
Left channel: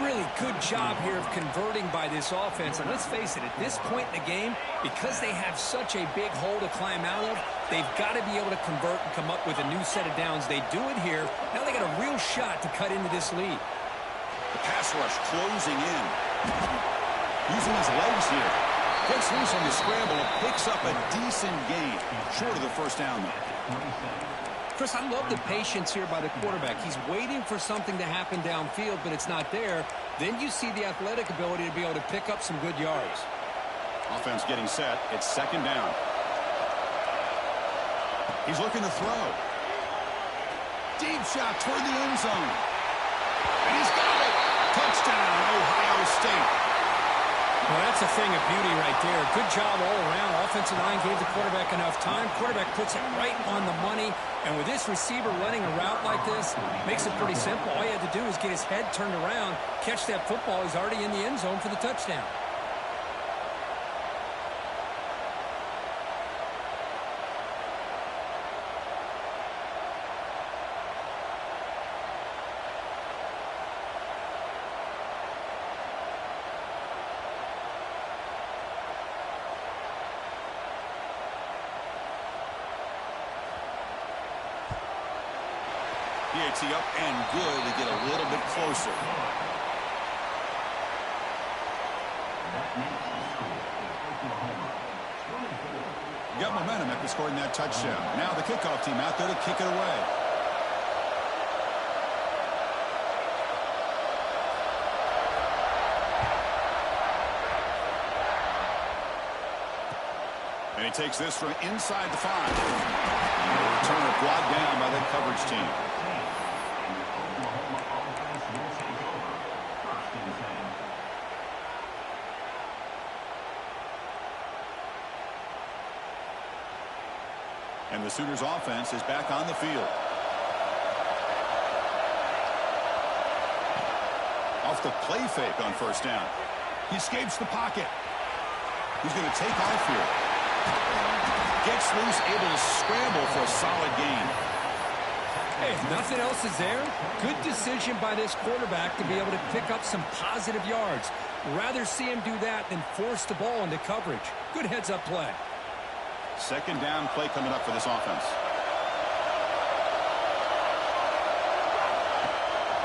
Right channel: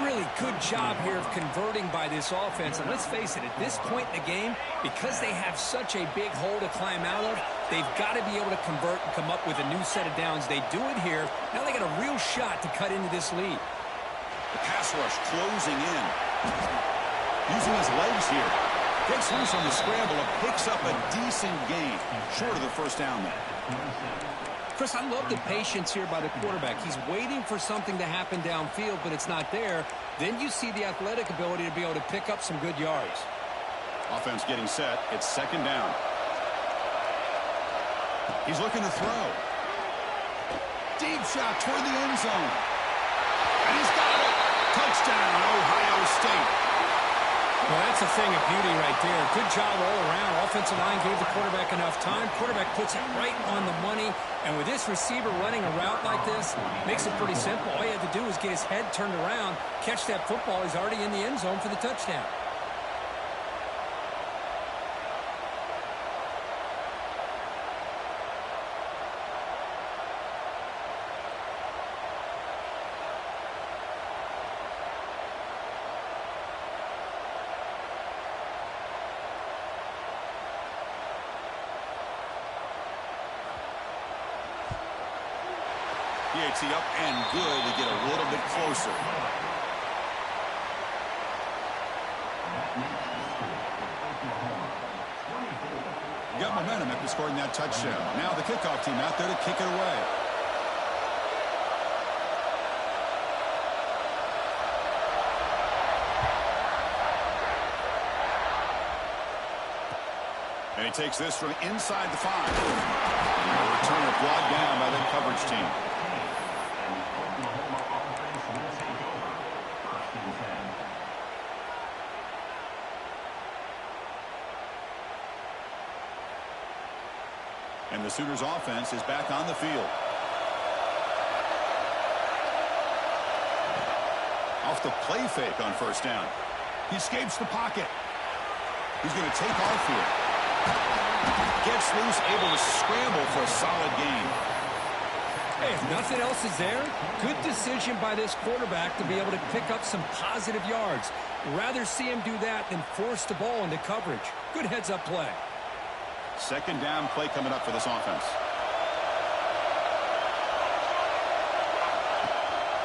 Really good job here of converting by this offense. And let's face it, at this point in the game, because they have such a big hole to climb out of, they've got to be able to convert and come up with a new set of downs. They do it here. Now they got a real shot to cut into this lead. The pass rush closing in. Using his legs here. Gets loose on the scramble and picks up a decent gain. Short of the first down, though. Chris, I love the patience here by the quarterback. He's waiting for something to happen downfield, but it's not there. Then you see the athletic ability to be able to pick up some good yards. Offense getting set. It's second down. He's looking to throw. Deep shot toward the end zone. And he's got it. Touchdown, Ohio State. Well, that's a thing of beauty right there. Good job all around. Offensive line gave the quarterback enough time. Quarterback puts it right on the money. And with this receiver running a route like this, makes it pretty simple. All he had to do was get his head turned around, catch that football. He's already in the end zone for the touchdown. PAT up and good to get a little bit closer. Got momentum after scoring that touchdown. Now the kickoff team out there to kick it away. And he takes this from inside the 5. And a returner brought down by that coverage team. And the Sooners offense is back on the field. Off the play fake on first down. He escapes the pocket. He's going to take off here. Gets loose, able to scramble for a solid gain. Hey, if nothing else is there, good decision by this quarterback to be able to pick up some positive yards. Rather see him do that than force the ball into coverage. Good heads-up play. Second down play coming up for this offense.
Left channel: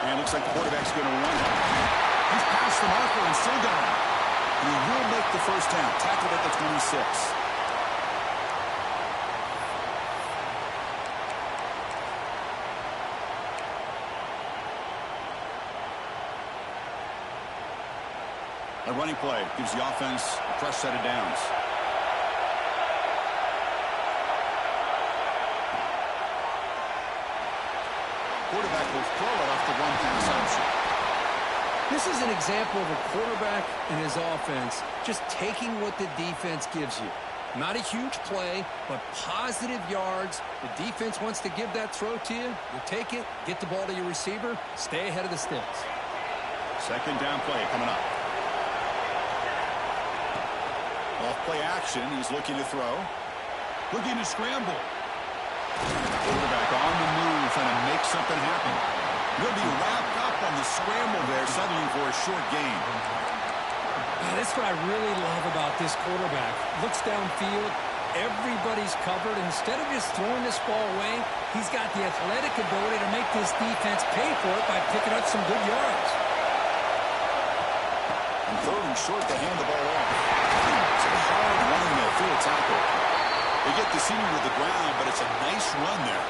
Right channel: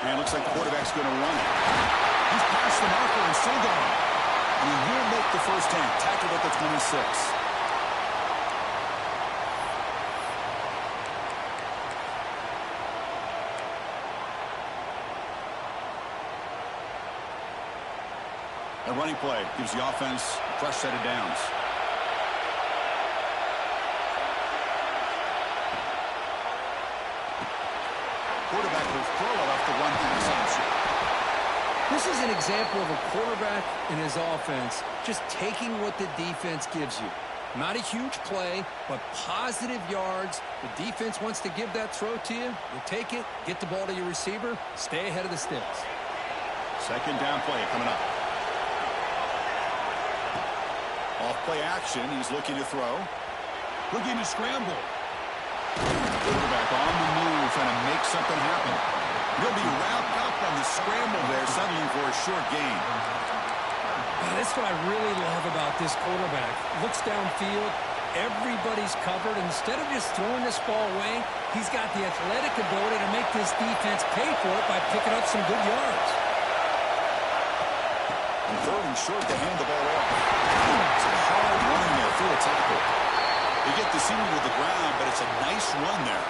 And it looks like the quarterback's going to run it. He's past the marker and still going. And he will make the first down. Tackled at the 26. A running play gives the offense a fresh set of downs. Quarterback will throw it off the one-pass option. This is an example of a quarterback and his offense just taking what the defense gives you. Not a huge play, but positive yards. The defense wants to give that throw to you. You take it, get the ball to your receiver, stay ahead of the sticks. Second down play coming up. Off play action, he's looking to throw. Looking to scramble. Quarterback on the move, trying to make something happen. He'll be wrapped up on the scramble there, settling for a short gain. That's what I really love about this quarterback. Looks downfield, everybody's covered. Instead of just throwing this ball away, he's got the athletic ability to make this defense pay for it by picking up some good yards. And third and short to hand the ball off. It's a hard running there through a tackle. They get the senior to the ground, but it's a nice run there.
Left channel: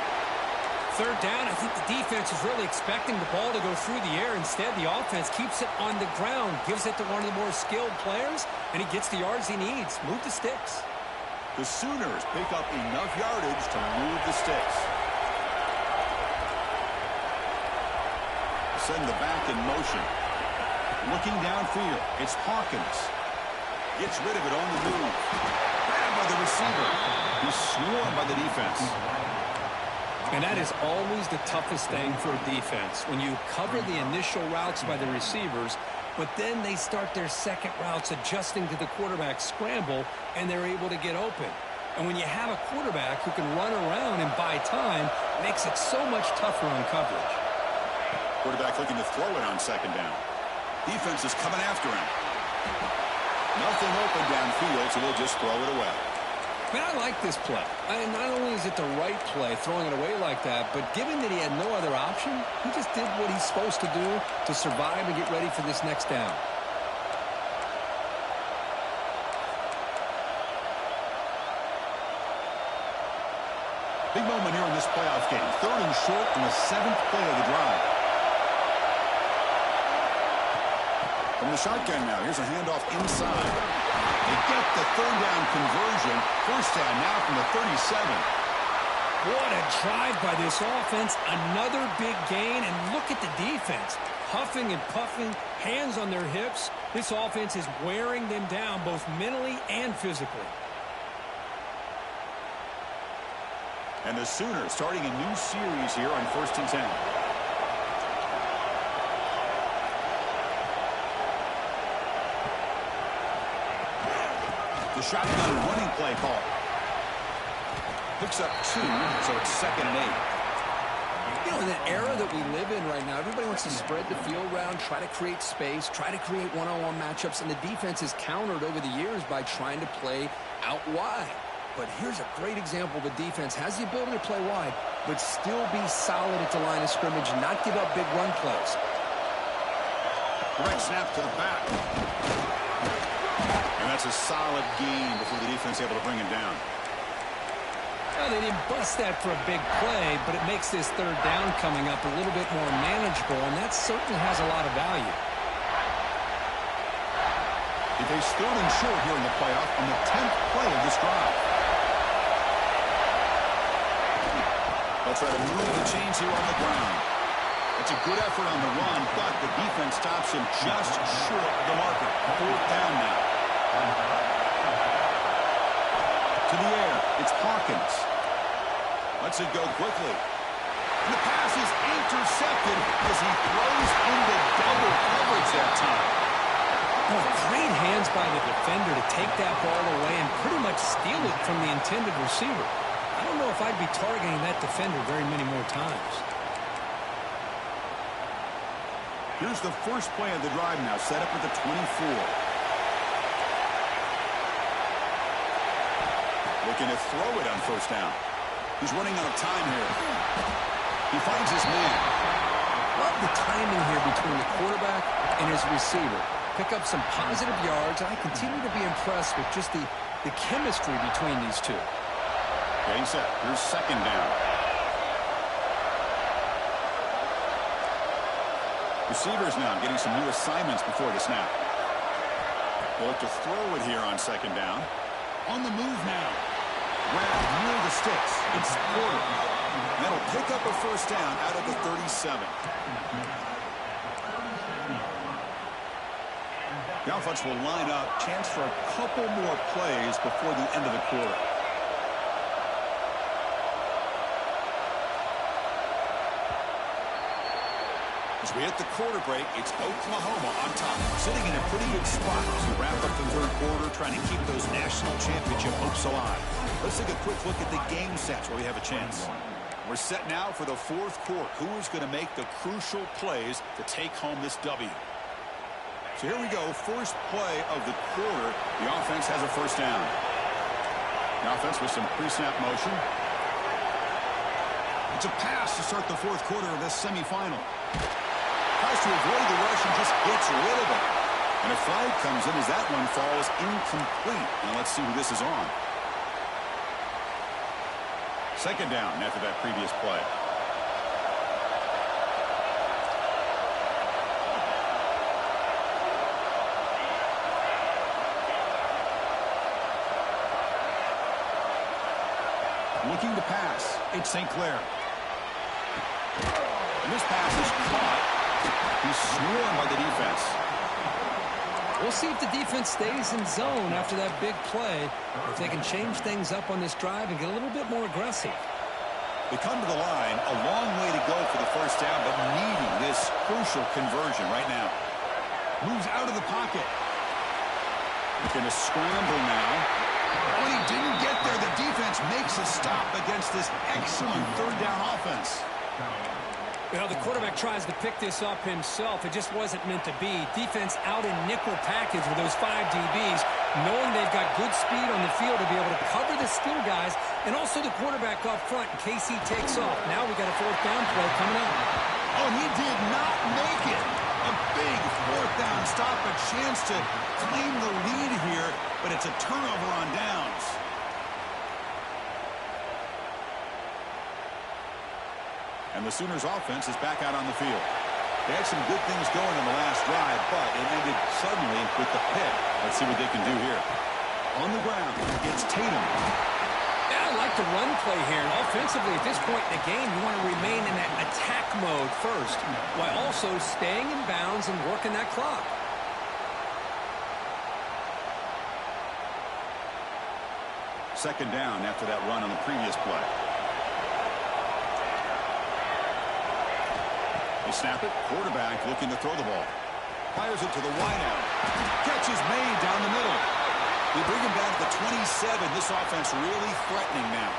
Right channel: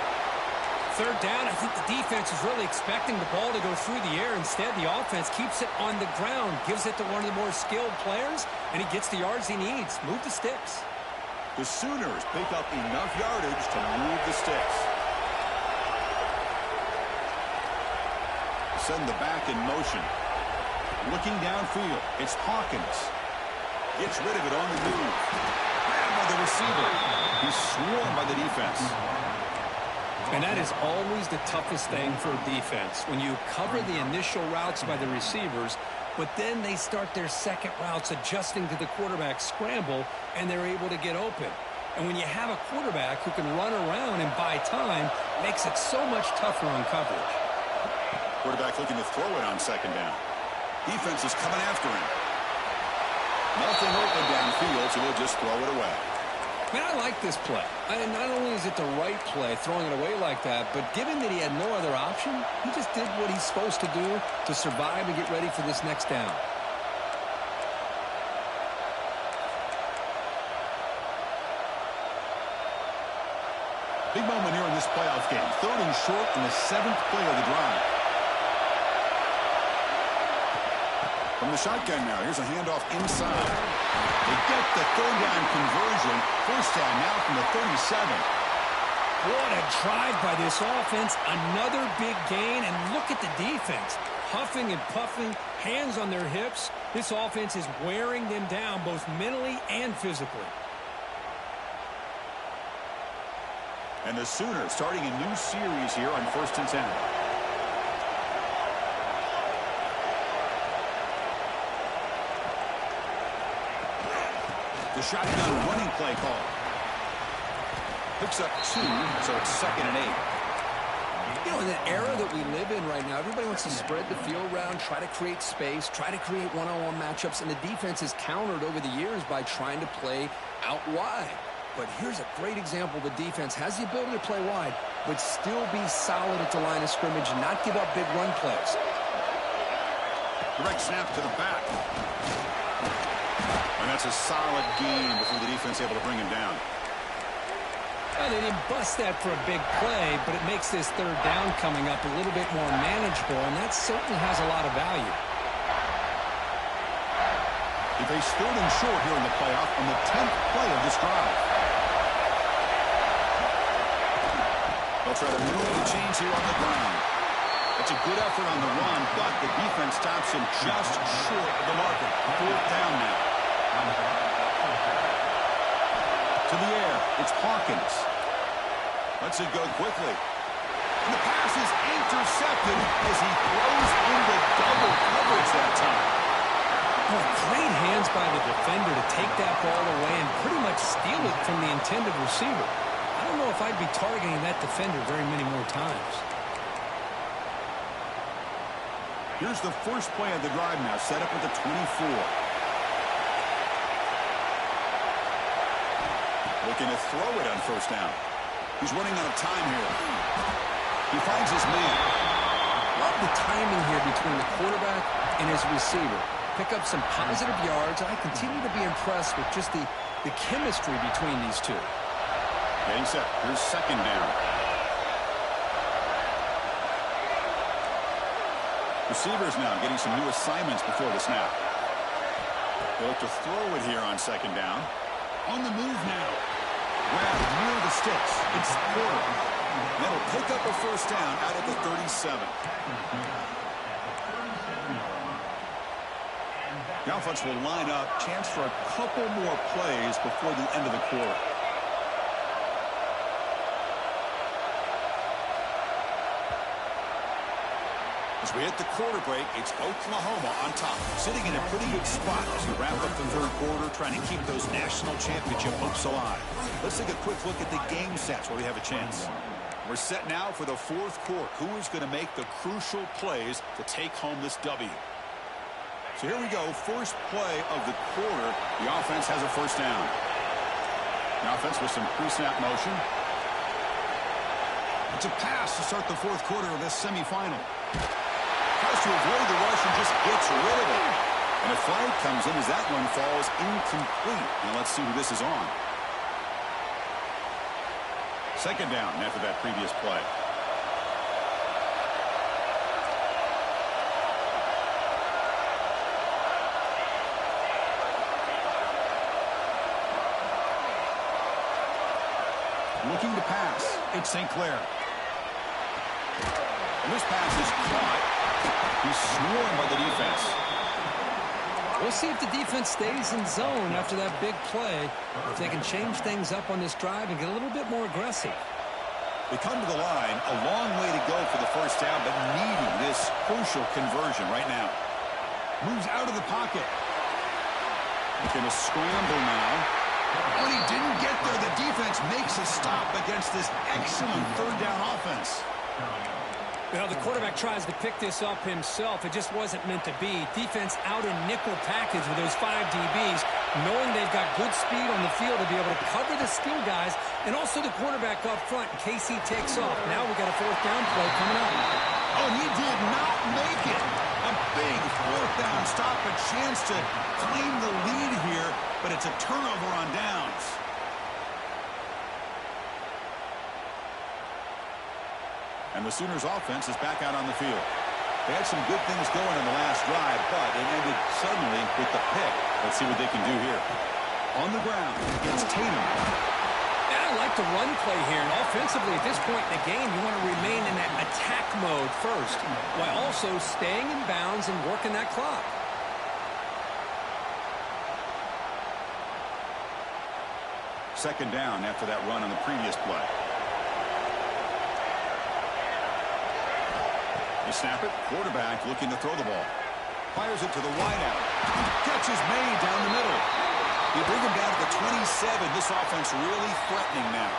Third down, I think the defense is really expecting the ball to go through the air. Instead, the offense keeps it on the ground, gives it to one of the more skilled players, and he gets the yards he needs. Move the sticks. The Sooners pick up enough yardage to move the sticks. Send the back in motion. Looking downfield. It's Hawkins. Gets rid of it on the move. Grabbed by the receiver. He's swarmed by the defense. And that is always the toughest thing for a defense. When you cover the initial routes by the receivers, but then they start their second routes adjusting to the quarterback scramble, and they're able to get open. And when you have a quarterback who can run around and buy time, it makes it so much tougher on coverage. Quarterback looking to throw it on second down. Defense is coming after him. Nothing open downfield, so we'll just throw it away. Man, I like this play. Not only is it the right play, throwing it away like that, but given that he had no other option, he just did what he's supposed to do to survive and get ready for this next down. Big moment here in this playoff game. 3rd and short in the 7th play of the drive. From the shotgun now, here's a handoff inside. They get the 3rd down conversion. 1st down now from the 37. What a drive by this offense. Another big gain, and look at the defense. Huffing and puffing, hands on their hips. This offense is wearing them down both mentally and physically. And the Sooners starting a new series here on 1st and 10. The shotgun running play call. Picks up 2, so it's 2nd and 8. You know, in the era that we live in right now, everybody wants to spread the field around, try to create space, try to create one-on-one matchups, and the defense is countered over the years by trying to play out wide. But here's a great example. The defense has the ability to play wide, but still be solid at the line of scrimmage, not give up big run plays. Direct snap to the back. And that's a solid gain before the defense able to bring him down. Well, they didn't bust that for a big play, but it makes this 3rd down coming up a little bit more manageable, and that certainly has a lot of value. They face 3rd and short here in the playoff on the 10th play of this drive. They'll try to move the chains here on the ground. It's a good effort on the run, but the defense stops him just short of the marker. 4th down now. To the air, it's Hawkins. Lets it go quickly. And the pass is intercepted as he throws into double coverage that time. Oh, great hands by the defender to take that ball away and pretty much steal it from the intended receiver. I don't know if I'd be targeting that defender very many more times. Here's the first play of the drive now, set up at the 24. Looking to throw it on 1st down. He's running out of time here. He finds his man. Love the timing here between the quarterback and his receiver. Pick up some positive yards, and I continue to be impressed with just the chemistry between these two. Getting set. Here's 2nd down. Receivers now getting some new assignments before the snap. They'll look to throw it here on 2nd down. On the move now. Grab near the sticks. It's Porter. That'll pick up a 1st down out of the 37. The offense will line up. Chance for a couple more plays before the end of the quarter. As we hit the quarter break, it's Oklahoma on top, sitting in a pretty good spot as we wrap up the 3rd quarter, trying to keep those national championship hopes alive. Let's take a quick look at the game stats while we have a chance. We're set now for the 4th quarter. Who is going to make the crucial plays to take home this W? So here we go, first play of the quarter. The offense has a 1st down. The offense with some pre-snap motion. It's a pass to start the 4th quarter of this semifinal. Tries to avoid the rush and just gets rid of it. And a flag comes in as that one falls incomplete. Now let's see who this is on. 2nd down after that previous play. Looking to pass. It's St. Clair. And this pass is caught He's swarmed by the defense. We'll see if the defense stays in zone after that big play, if they can change things up on this drive and get a little bit more aggressive. They come to the line, a long way to go for the first down, but needing this crucial conversion right now. Moves out of the pocket. Going to scramble now. Oh, and he didn't get there. The defense makes a stop against this excellent third down offense. Well, the quarterback tries to pick this up himself. It just wasn't meant to be. Defense out in nickel package with those 5 DBs, knowing they've got good speed on the field to be able to cover the skill guys, and also the quarterback up front in case he takes off. Now we got a fourth down play coming up. Oh, and he did not make it. A big fourth down stop, a chance to claim the lead here, but it's a turnover on downs. And the Sooners offense is back out on the field. They had some good things going in the last drive, but it ended suddenly with the pick. Let's see what they can do here. On the ground, it's Tatum. Yeah, I like the run play here. And offensively, at this point in the game, you want to remain in that attack mode first, while also staying in bounds and working that clock. Second down after that run on the previous play. They snap it. Quarterback looking to throw the ball. Fires it to the wideout. Catch is made down the middle. They bring him down to the 27. This offense really threatening now.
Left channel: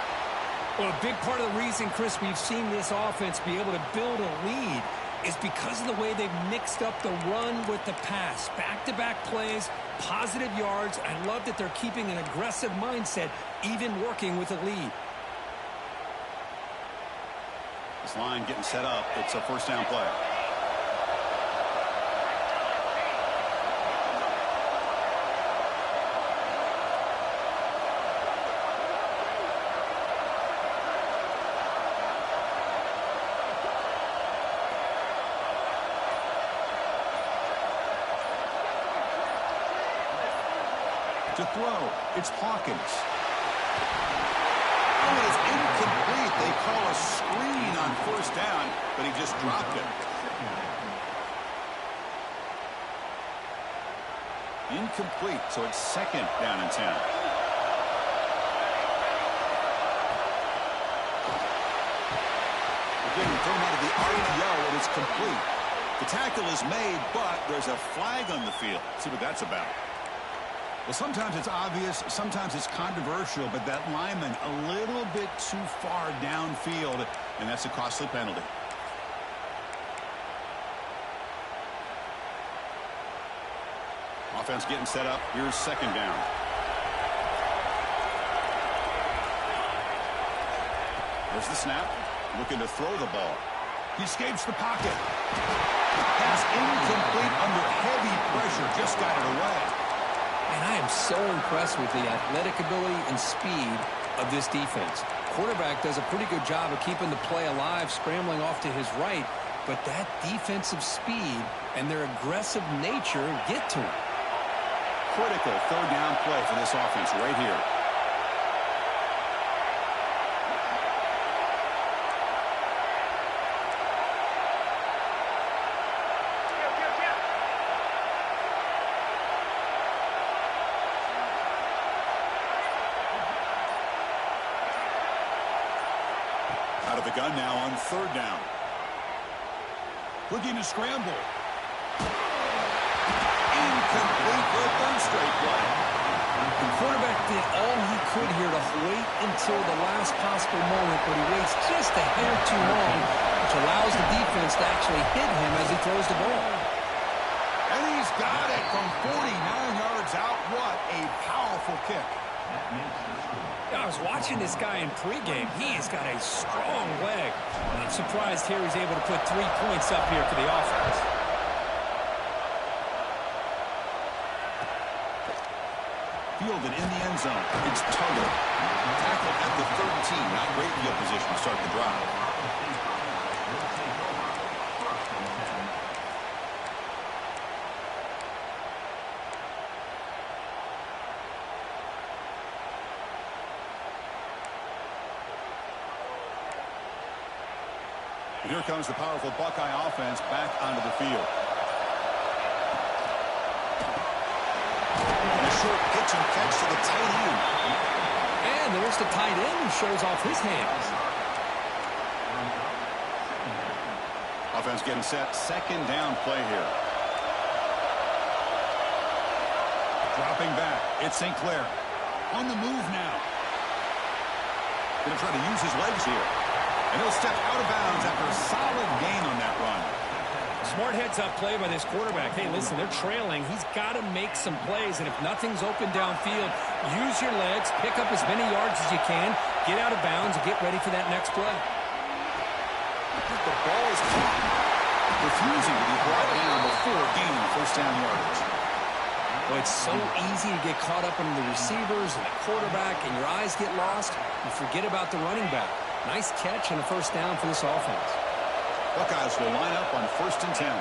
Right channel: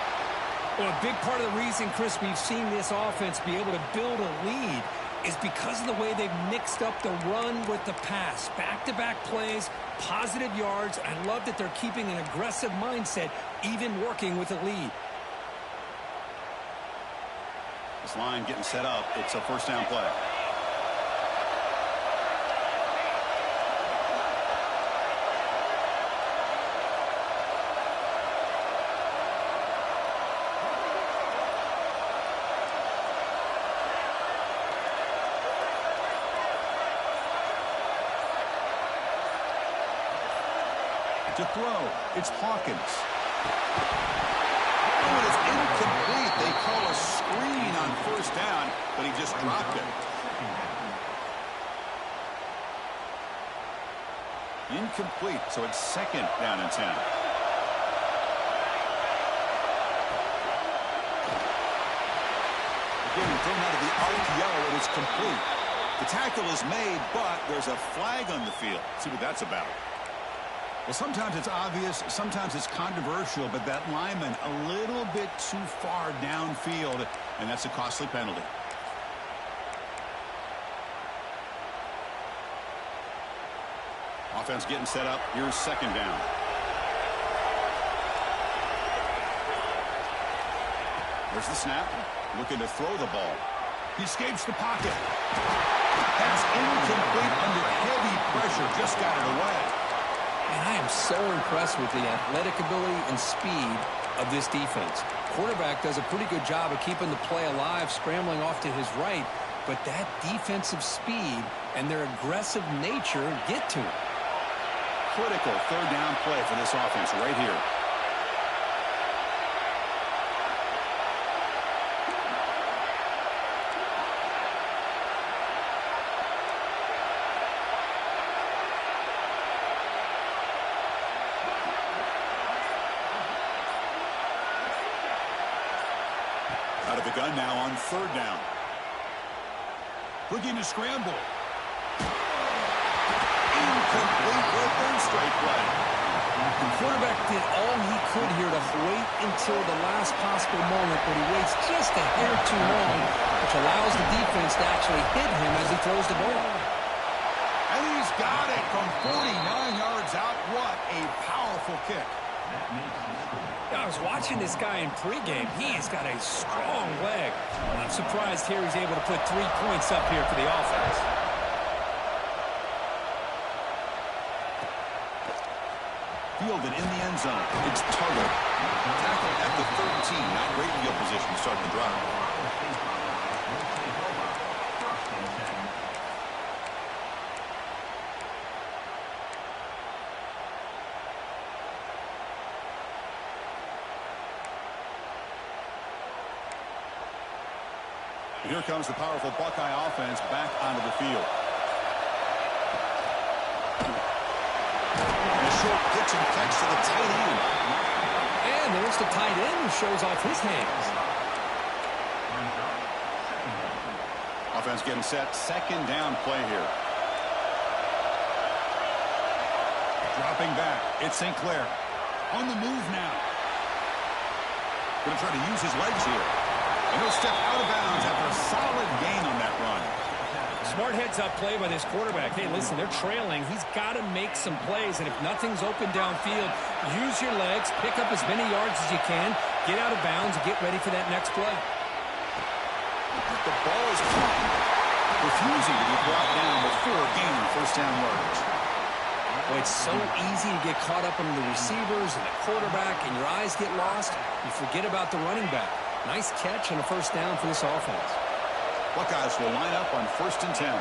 Well, a big part of the reason, Chris, we've seen this offense be able to build a lead is because of the way they've mixed up the run with the pass. Back-to-back plays, positive yards. I love that they're keeping an aggressive mindset, even working with a lead. This line getting set up. It's a first down play. To throw, it's Hawkins. Oh, it is incomplete. They call a screen on first down, but he just dropped it. Incomplete, so it's second down and 10. Again, thrown out of the RPO, and it's complete. The tackle is made, but there's a flag on the field. Let's see what that's about. Well, sometimes it's obvious, sometimes it's controversial, but that lineman a little bit too far downfield, and that's a costly penalty. Offense getting set up. Here's second down. There's the snap. Looking to throw the ball. He escapes the pocket. Pass incomplete under heavy pressure. Just got it away. And I am so impressed with the athletic ability and speed of this defense. Quarterback does a pretty good job of keeping the play alive, scrambling off to his right, but that defensive speed and their aggressive nature get to him. Critical third down play for this offense right here. Out of the gun now on third down. Looking to scramble. Incomplete for a third straight play. The quarterback did all he could here to wait until the last possible moment, but he waits just a hair too long, which allows the defense to actually hit him as he throws the ball. And he's got it from 49 yards out. What a powerful kick. I was watching this guy in pregame. He has got a strong leg. I'm surprised here he's able to put 3 points up here for the offense. Fielded in the end zone. It's Tuggle. Tackled at the 13. Not great field position to start the drive. Here comes the powerful Buckeye offense back onto the field. And a short pitch and catch to the tight end. And there's the tight end who shows off his hands. Offense getting set. Second down play here. Dropping back. It's St. Clair. On the move now. Going to try to use his legs here. And he'll step out of bounds after a solid gain on that run. Smart heads-up play by this quarterback. Hey, listen, they're trailing. He's got to make some plays, and if nothing's open downfield, use your legs, pick up as many yards as you can, get out of bounds, and get ready for that next play. The ball is caught, refusing to be brought down before gaining first down yardage. Well, it's so easy to get caught up in the receivers and the quarterback, and your eyes get lost. You forget about the running back. Nice catch and a first down for this offense. Buckeyes will line up on 1st and 10.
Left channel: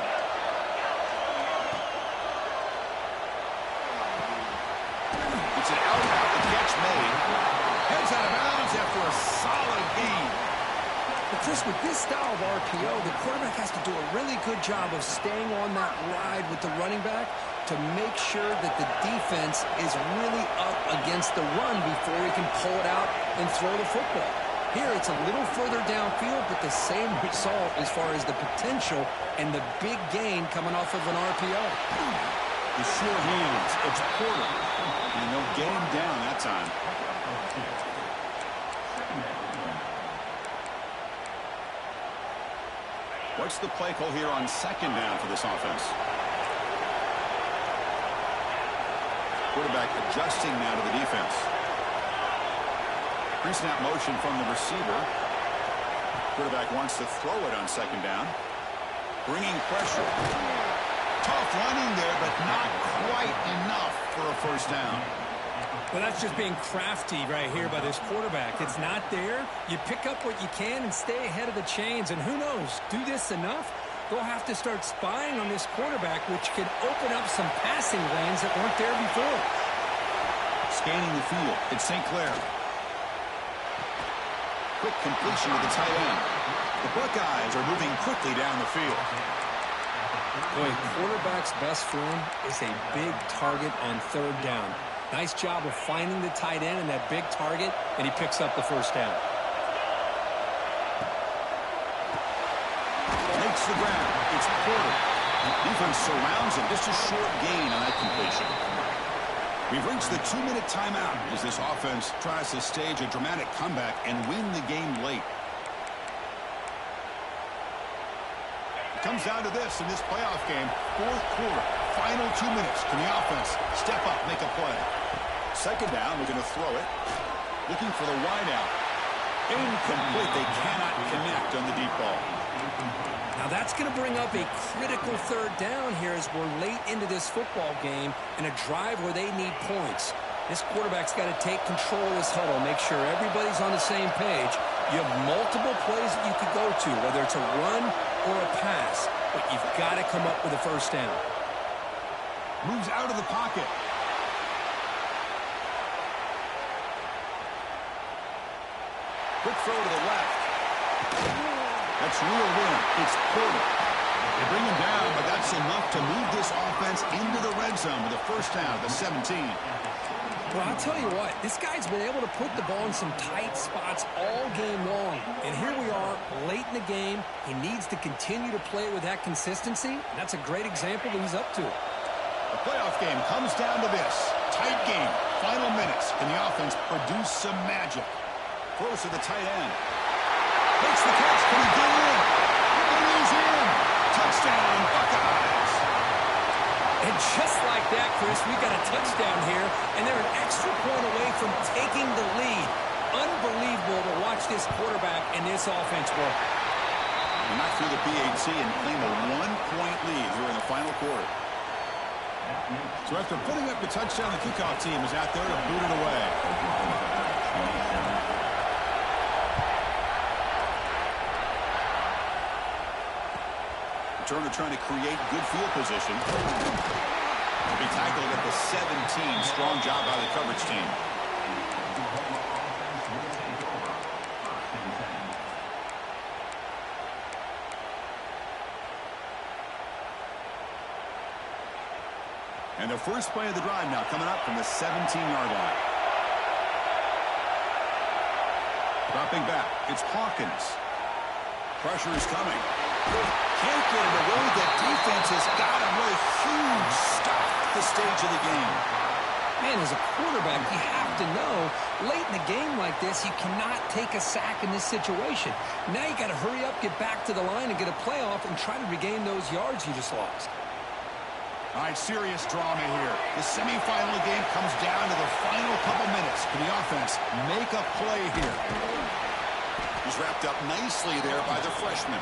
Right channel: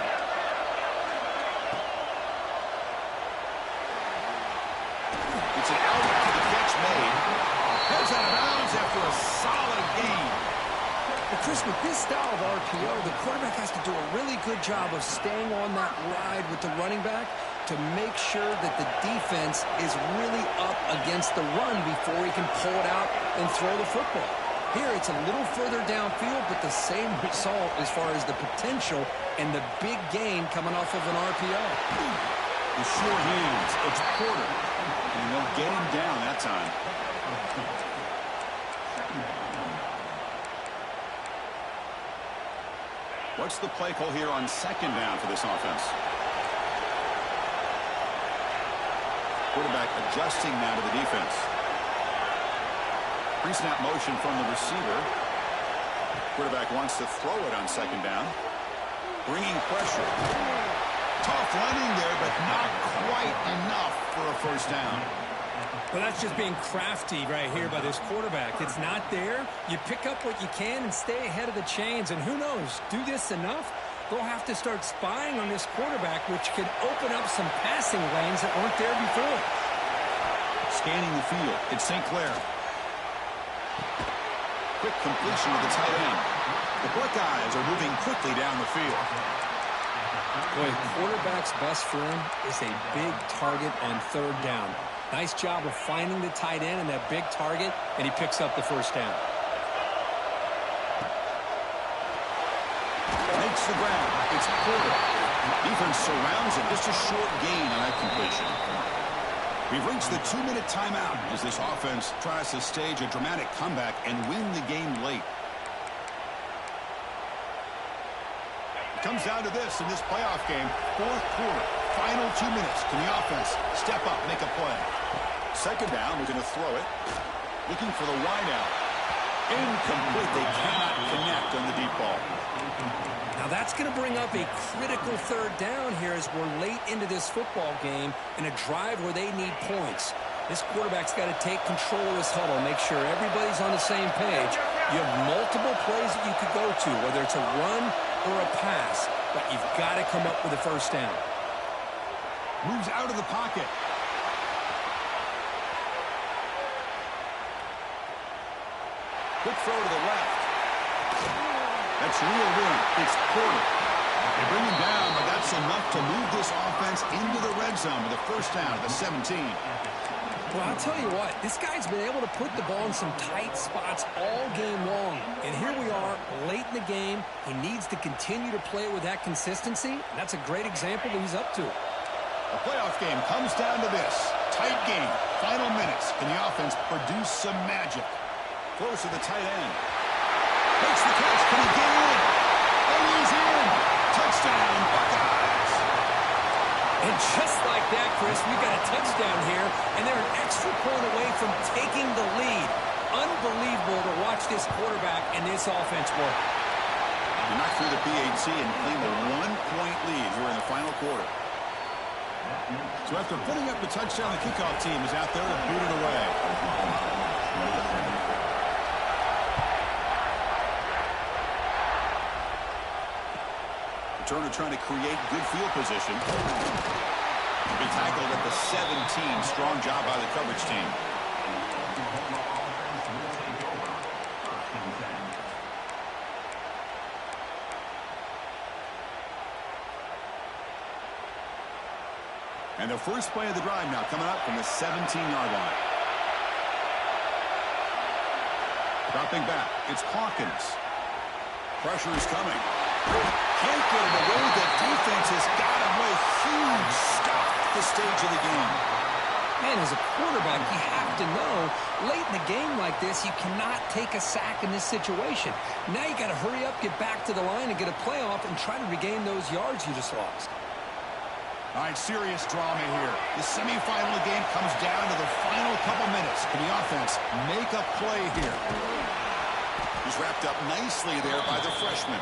It's an out route, the catch made. Heads out of bounds after a solid gain. But Chris, with this style of RPO, the quarterback has to do a really good job of staying on that ride with the running back to make sure that the defense is really up against the run before he can pull it out and throw the football. Here, it's a little further downfield, but the same result as far as the potential and the big gain coming off of an RPO. The sure hands, it's Porter, and they'll get him down that time. What's the play call here on 2nd down for this offense? Quarterback adjusting now to the defense. Pre-snap motion from the receiver. Quarterback wants to throw it on 2nd down. Bringing pressure. Tough running there, but not quite enough for a first down. Well, that's just being crafty right here by this quarterback. It's not there. You pick up what you can and stay ahead of the chains. And who knows, do this enough, they'll have to start spying on this quarterback, which could open up some passing lanes that weren't there before. Scanning the field, it's St. Clair. Quick completion to the tight end. The Buckeyes are moving quickly down the field. Boy, quarterback's best friend is a big target on 3rd down. Nice job of finding the tight end and that big target, and he picks up the first down. Makes the grab. It's Porter. Defense surrounds him. Just a short gain on that completion. We've reached the 2-minute timeout as this offense tries to stage a dramatic comeback and win the game late. It comes down to this in this playoff game. 4th quarter, final 2 minutes. Can the offense step up, make a play? 2nd down, looking to throw it. Looking for the wide out. Incomplete. They cannot connect on the deep ball. Now that's going to bring up a critical 3rd down here as we're late into this football game in a drive where they need points. This quarterback's got to take control of this huddle, make sure everybody's on the same page. You have multiple plays that you could go to, whether it's a run or a pass, but you've got to come up with a first down. Moves out of the pocket. Quick throw to the left. That's real room. It's Porter. They bring him down, but that's enough to move this offense into the red zone with a first down at the 17. Well, I'll tell you what, this guy's been able to put the ball in some tight spots all game long. And here we are, late in the game. He needs to continue to play with that consistency. And that's a great example that he's up to it. The playoff game comes down to this. Tight game. Final minutes. Can the offense produce some magic? Throws to the tight end. Makes the catch. Can he get in? And he's in. Touchdown, Buckeyes. And just like that, Chris, we've got a touchdown here, and they're an extra point away from taking the lead. Unbelievable to watch this quarterback and this offense work. He knocked through the PAT and claimed a 1-point lead here in the final quarter. So after putting up the touchdown, the kickoff team is out there to boot it away. Returner trying to create good field position. Be tackled at the 17. Strong job by the coverage team. And the first play of the drive now coming up from the 17-yard line. Dropping back, it's Hawkins. Pressure is coming. Can't get it away. The defense has got him. What a huge stop at this stage of the game. Man, as a quarterback, you have to know, late in the game like this, you cannot take a sack in this situation. Now you got to hurry up, get back to the line, and get a playoff and try to regain those yards you just lost. All right, serious drama here. The semifinal of the game comes down to the final couple minutes. Can the offense make a play here? He's wrapped up nicely there by the freshman.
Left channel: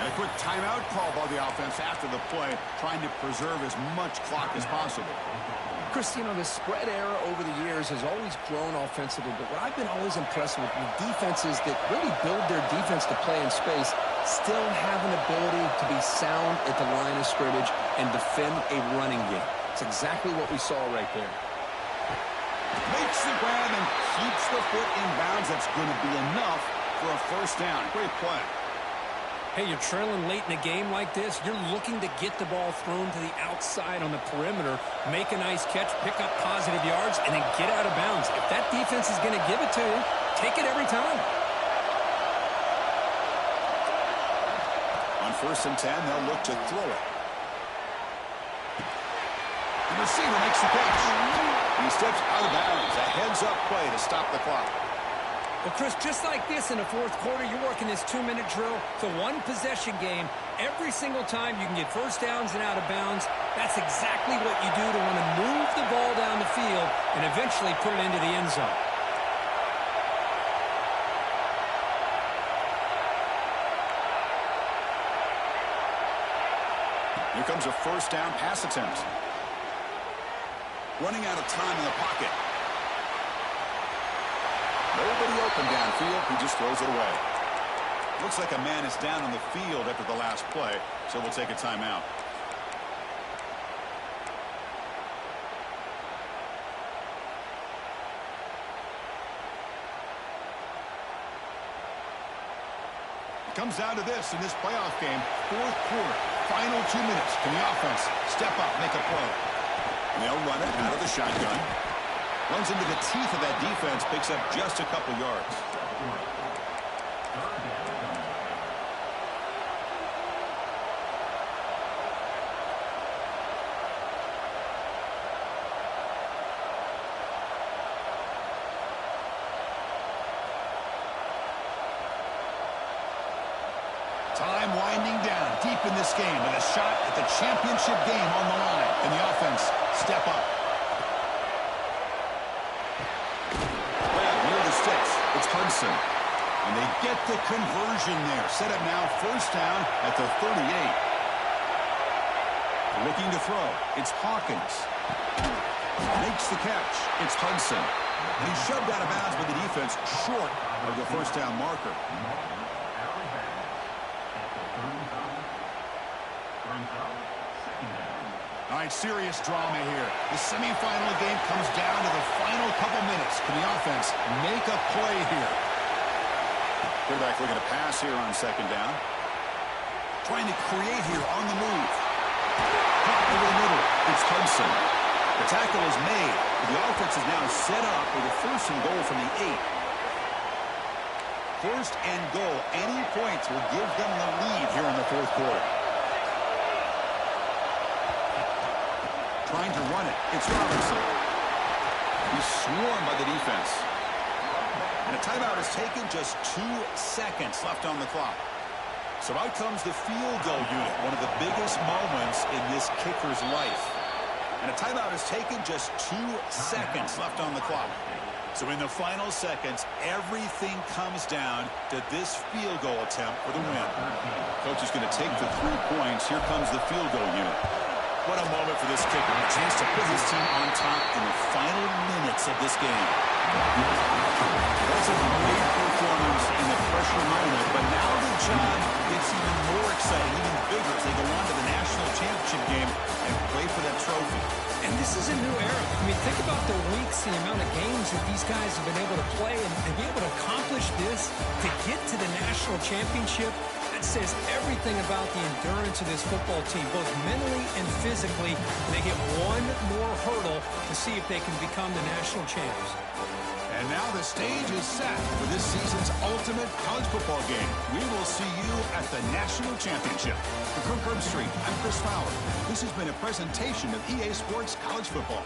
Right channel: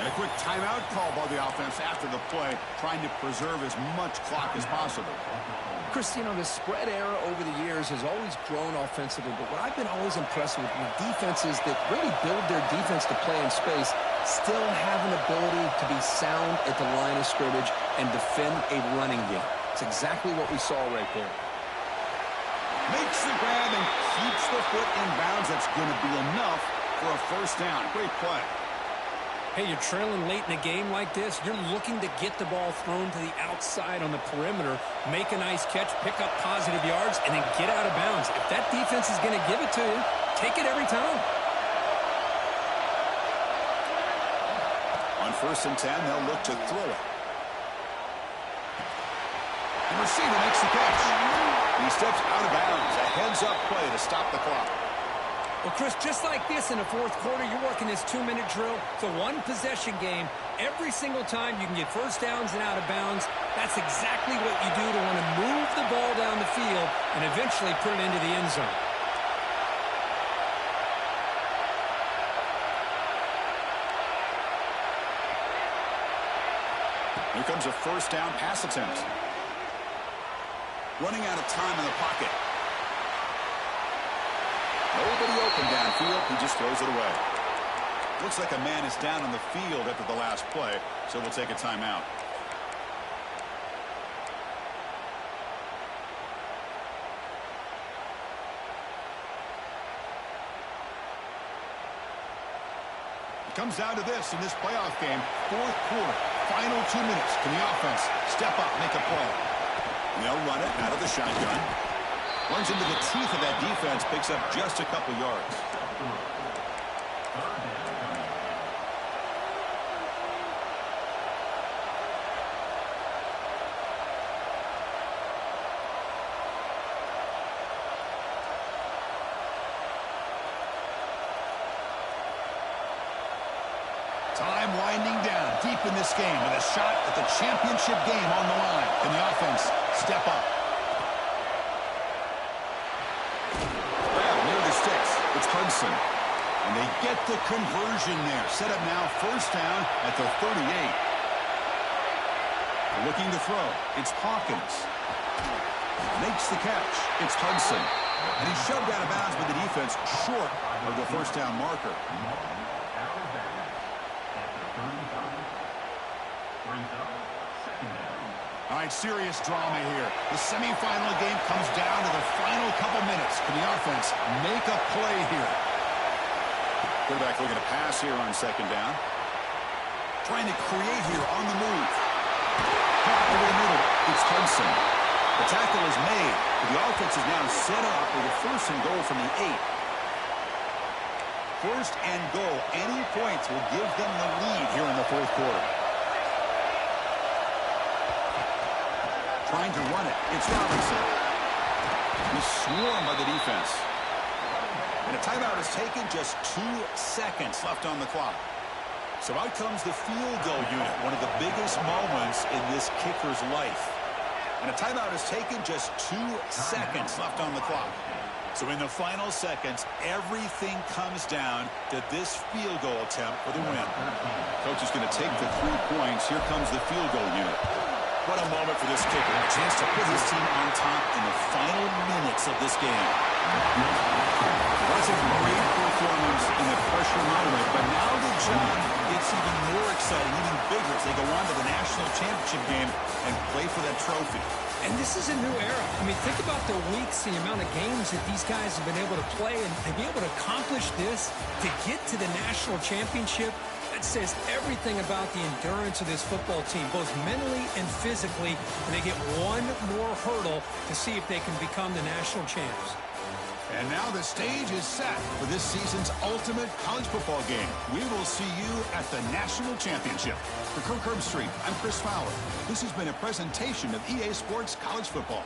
And a quick timeout call by the offense after the play, trying to preserve as much clock as possible. Chris, you know, the spread era over the years has always grown offensively, but what I've been always impressed with defenses that really build their defense to play in space still have an ability to be sound at the line of scrimmage and defend a running game. It's exactly what we saw right there. Makes the grab and keeps the foot in bounds. That's going to be enough for a first down. Great play. Hey, you're trailing late in a game like this. You're looking to get the ball thrown to the outside on the perimeter, make a nice catch, pick up positive yards, and then get out of bounds. If that defense is going to give it to you, take it every time. On 1st and 10, they'll look to throw it. The receiver makes the catch. He steps out of bounds. A heads-up play to stop the clock. Well, Chris, just like this in the fourth quarter, you're working this 2-minute drill. It's a one-possession game. Every single time you can get first downs and out of bounds, that's exactly what you do to want to move the ball down the field and eventually put it into the end zone. Here comes a first down pass attempt. Running out of time in the pocket. Nobody open downfield. He just throws it away. Looks like a man is down on the field after the last play, so we'll take a timeout. It comes down to this in this playoff game. Fourth quarter, final 2 minutes. Can the offense step up, make a play? And they'll run it out of the shotgun. Runs into the teeth of that defense, picks up just a couple yards. Time winding down deep in this game with a shot at the championship game on the line. Can the offense step up? Sticks. It's Hudson. And they get the conversion there. Set up now, first down at the 38. Looking to throw. It's Hawkins. Makes the catch. It's Hudson. And he's shoved out of bounds by the defense short of the first down marker. All right, serious drama here. The semifinal game comes down to the final couple minutes. Can the offense make a play here? Quarterback looking to pass here on second down. Trying to create here on the move. Caught over the middle. It's Hudson. The tackle is made. But the offense is now set up with a 1st and goal from the 8. 1st and goal. Any points will give them the lead here in the fourth quarter. Trying to run it. It's Robinson. He's swarmed by the defense. And a timeout is taken. Just 2 seconds left on the clock. So out comes the field goal unit. One of the biggest moments in this kicker's life. And a timeout is taken. Just 2 seconds left on the clock. So in the final seconds, everything comes down to this field goal attempt for the win. Coach is going to take the 3 points. Here comes the field goal unit. What a moment for this kicker. A chance to put his team on top in the final minutes of this game. That's a great performance in the pressure moment. But now the job gets even more exciting, even bigger as they go on to the national championship game and play for that trophy. And this is a new era. I mean, think about the weeks, the amount of games that these guys have been able to play, and to be able to accomplish this, to get to the national championship, That says everything about the endurance of this football team, both mentally and physically. And they get one more hurdle to see if they can become the national champs. And now the stage is set for this season's ultimate college football game. We will see you at the national championship. For Kirk Herbstreit, I'm Chris Fowler. This has been a presentation of EA Sports College Football.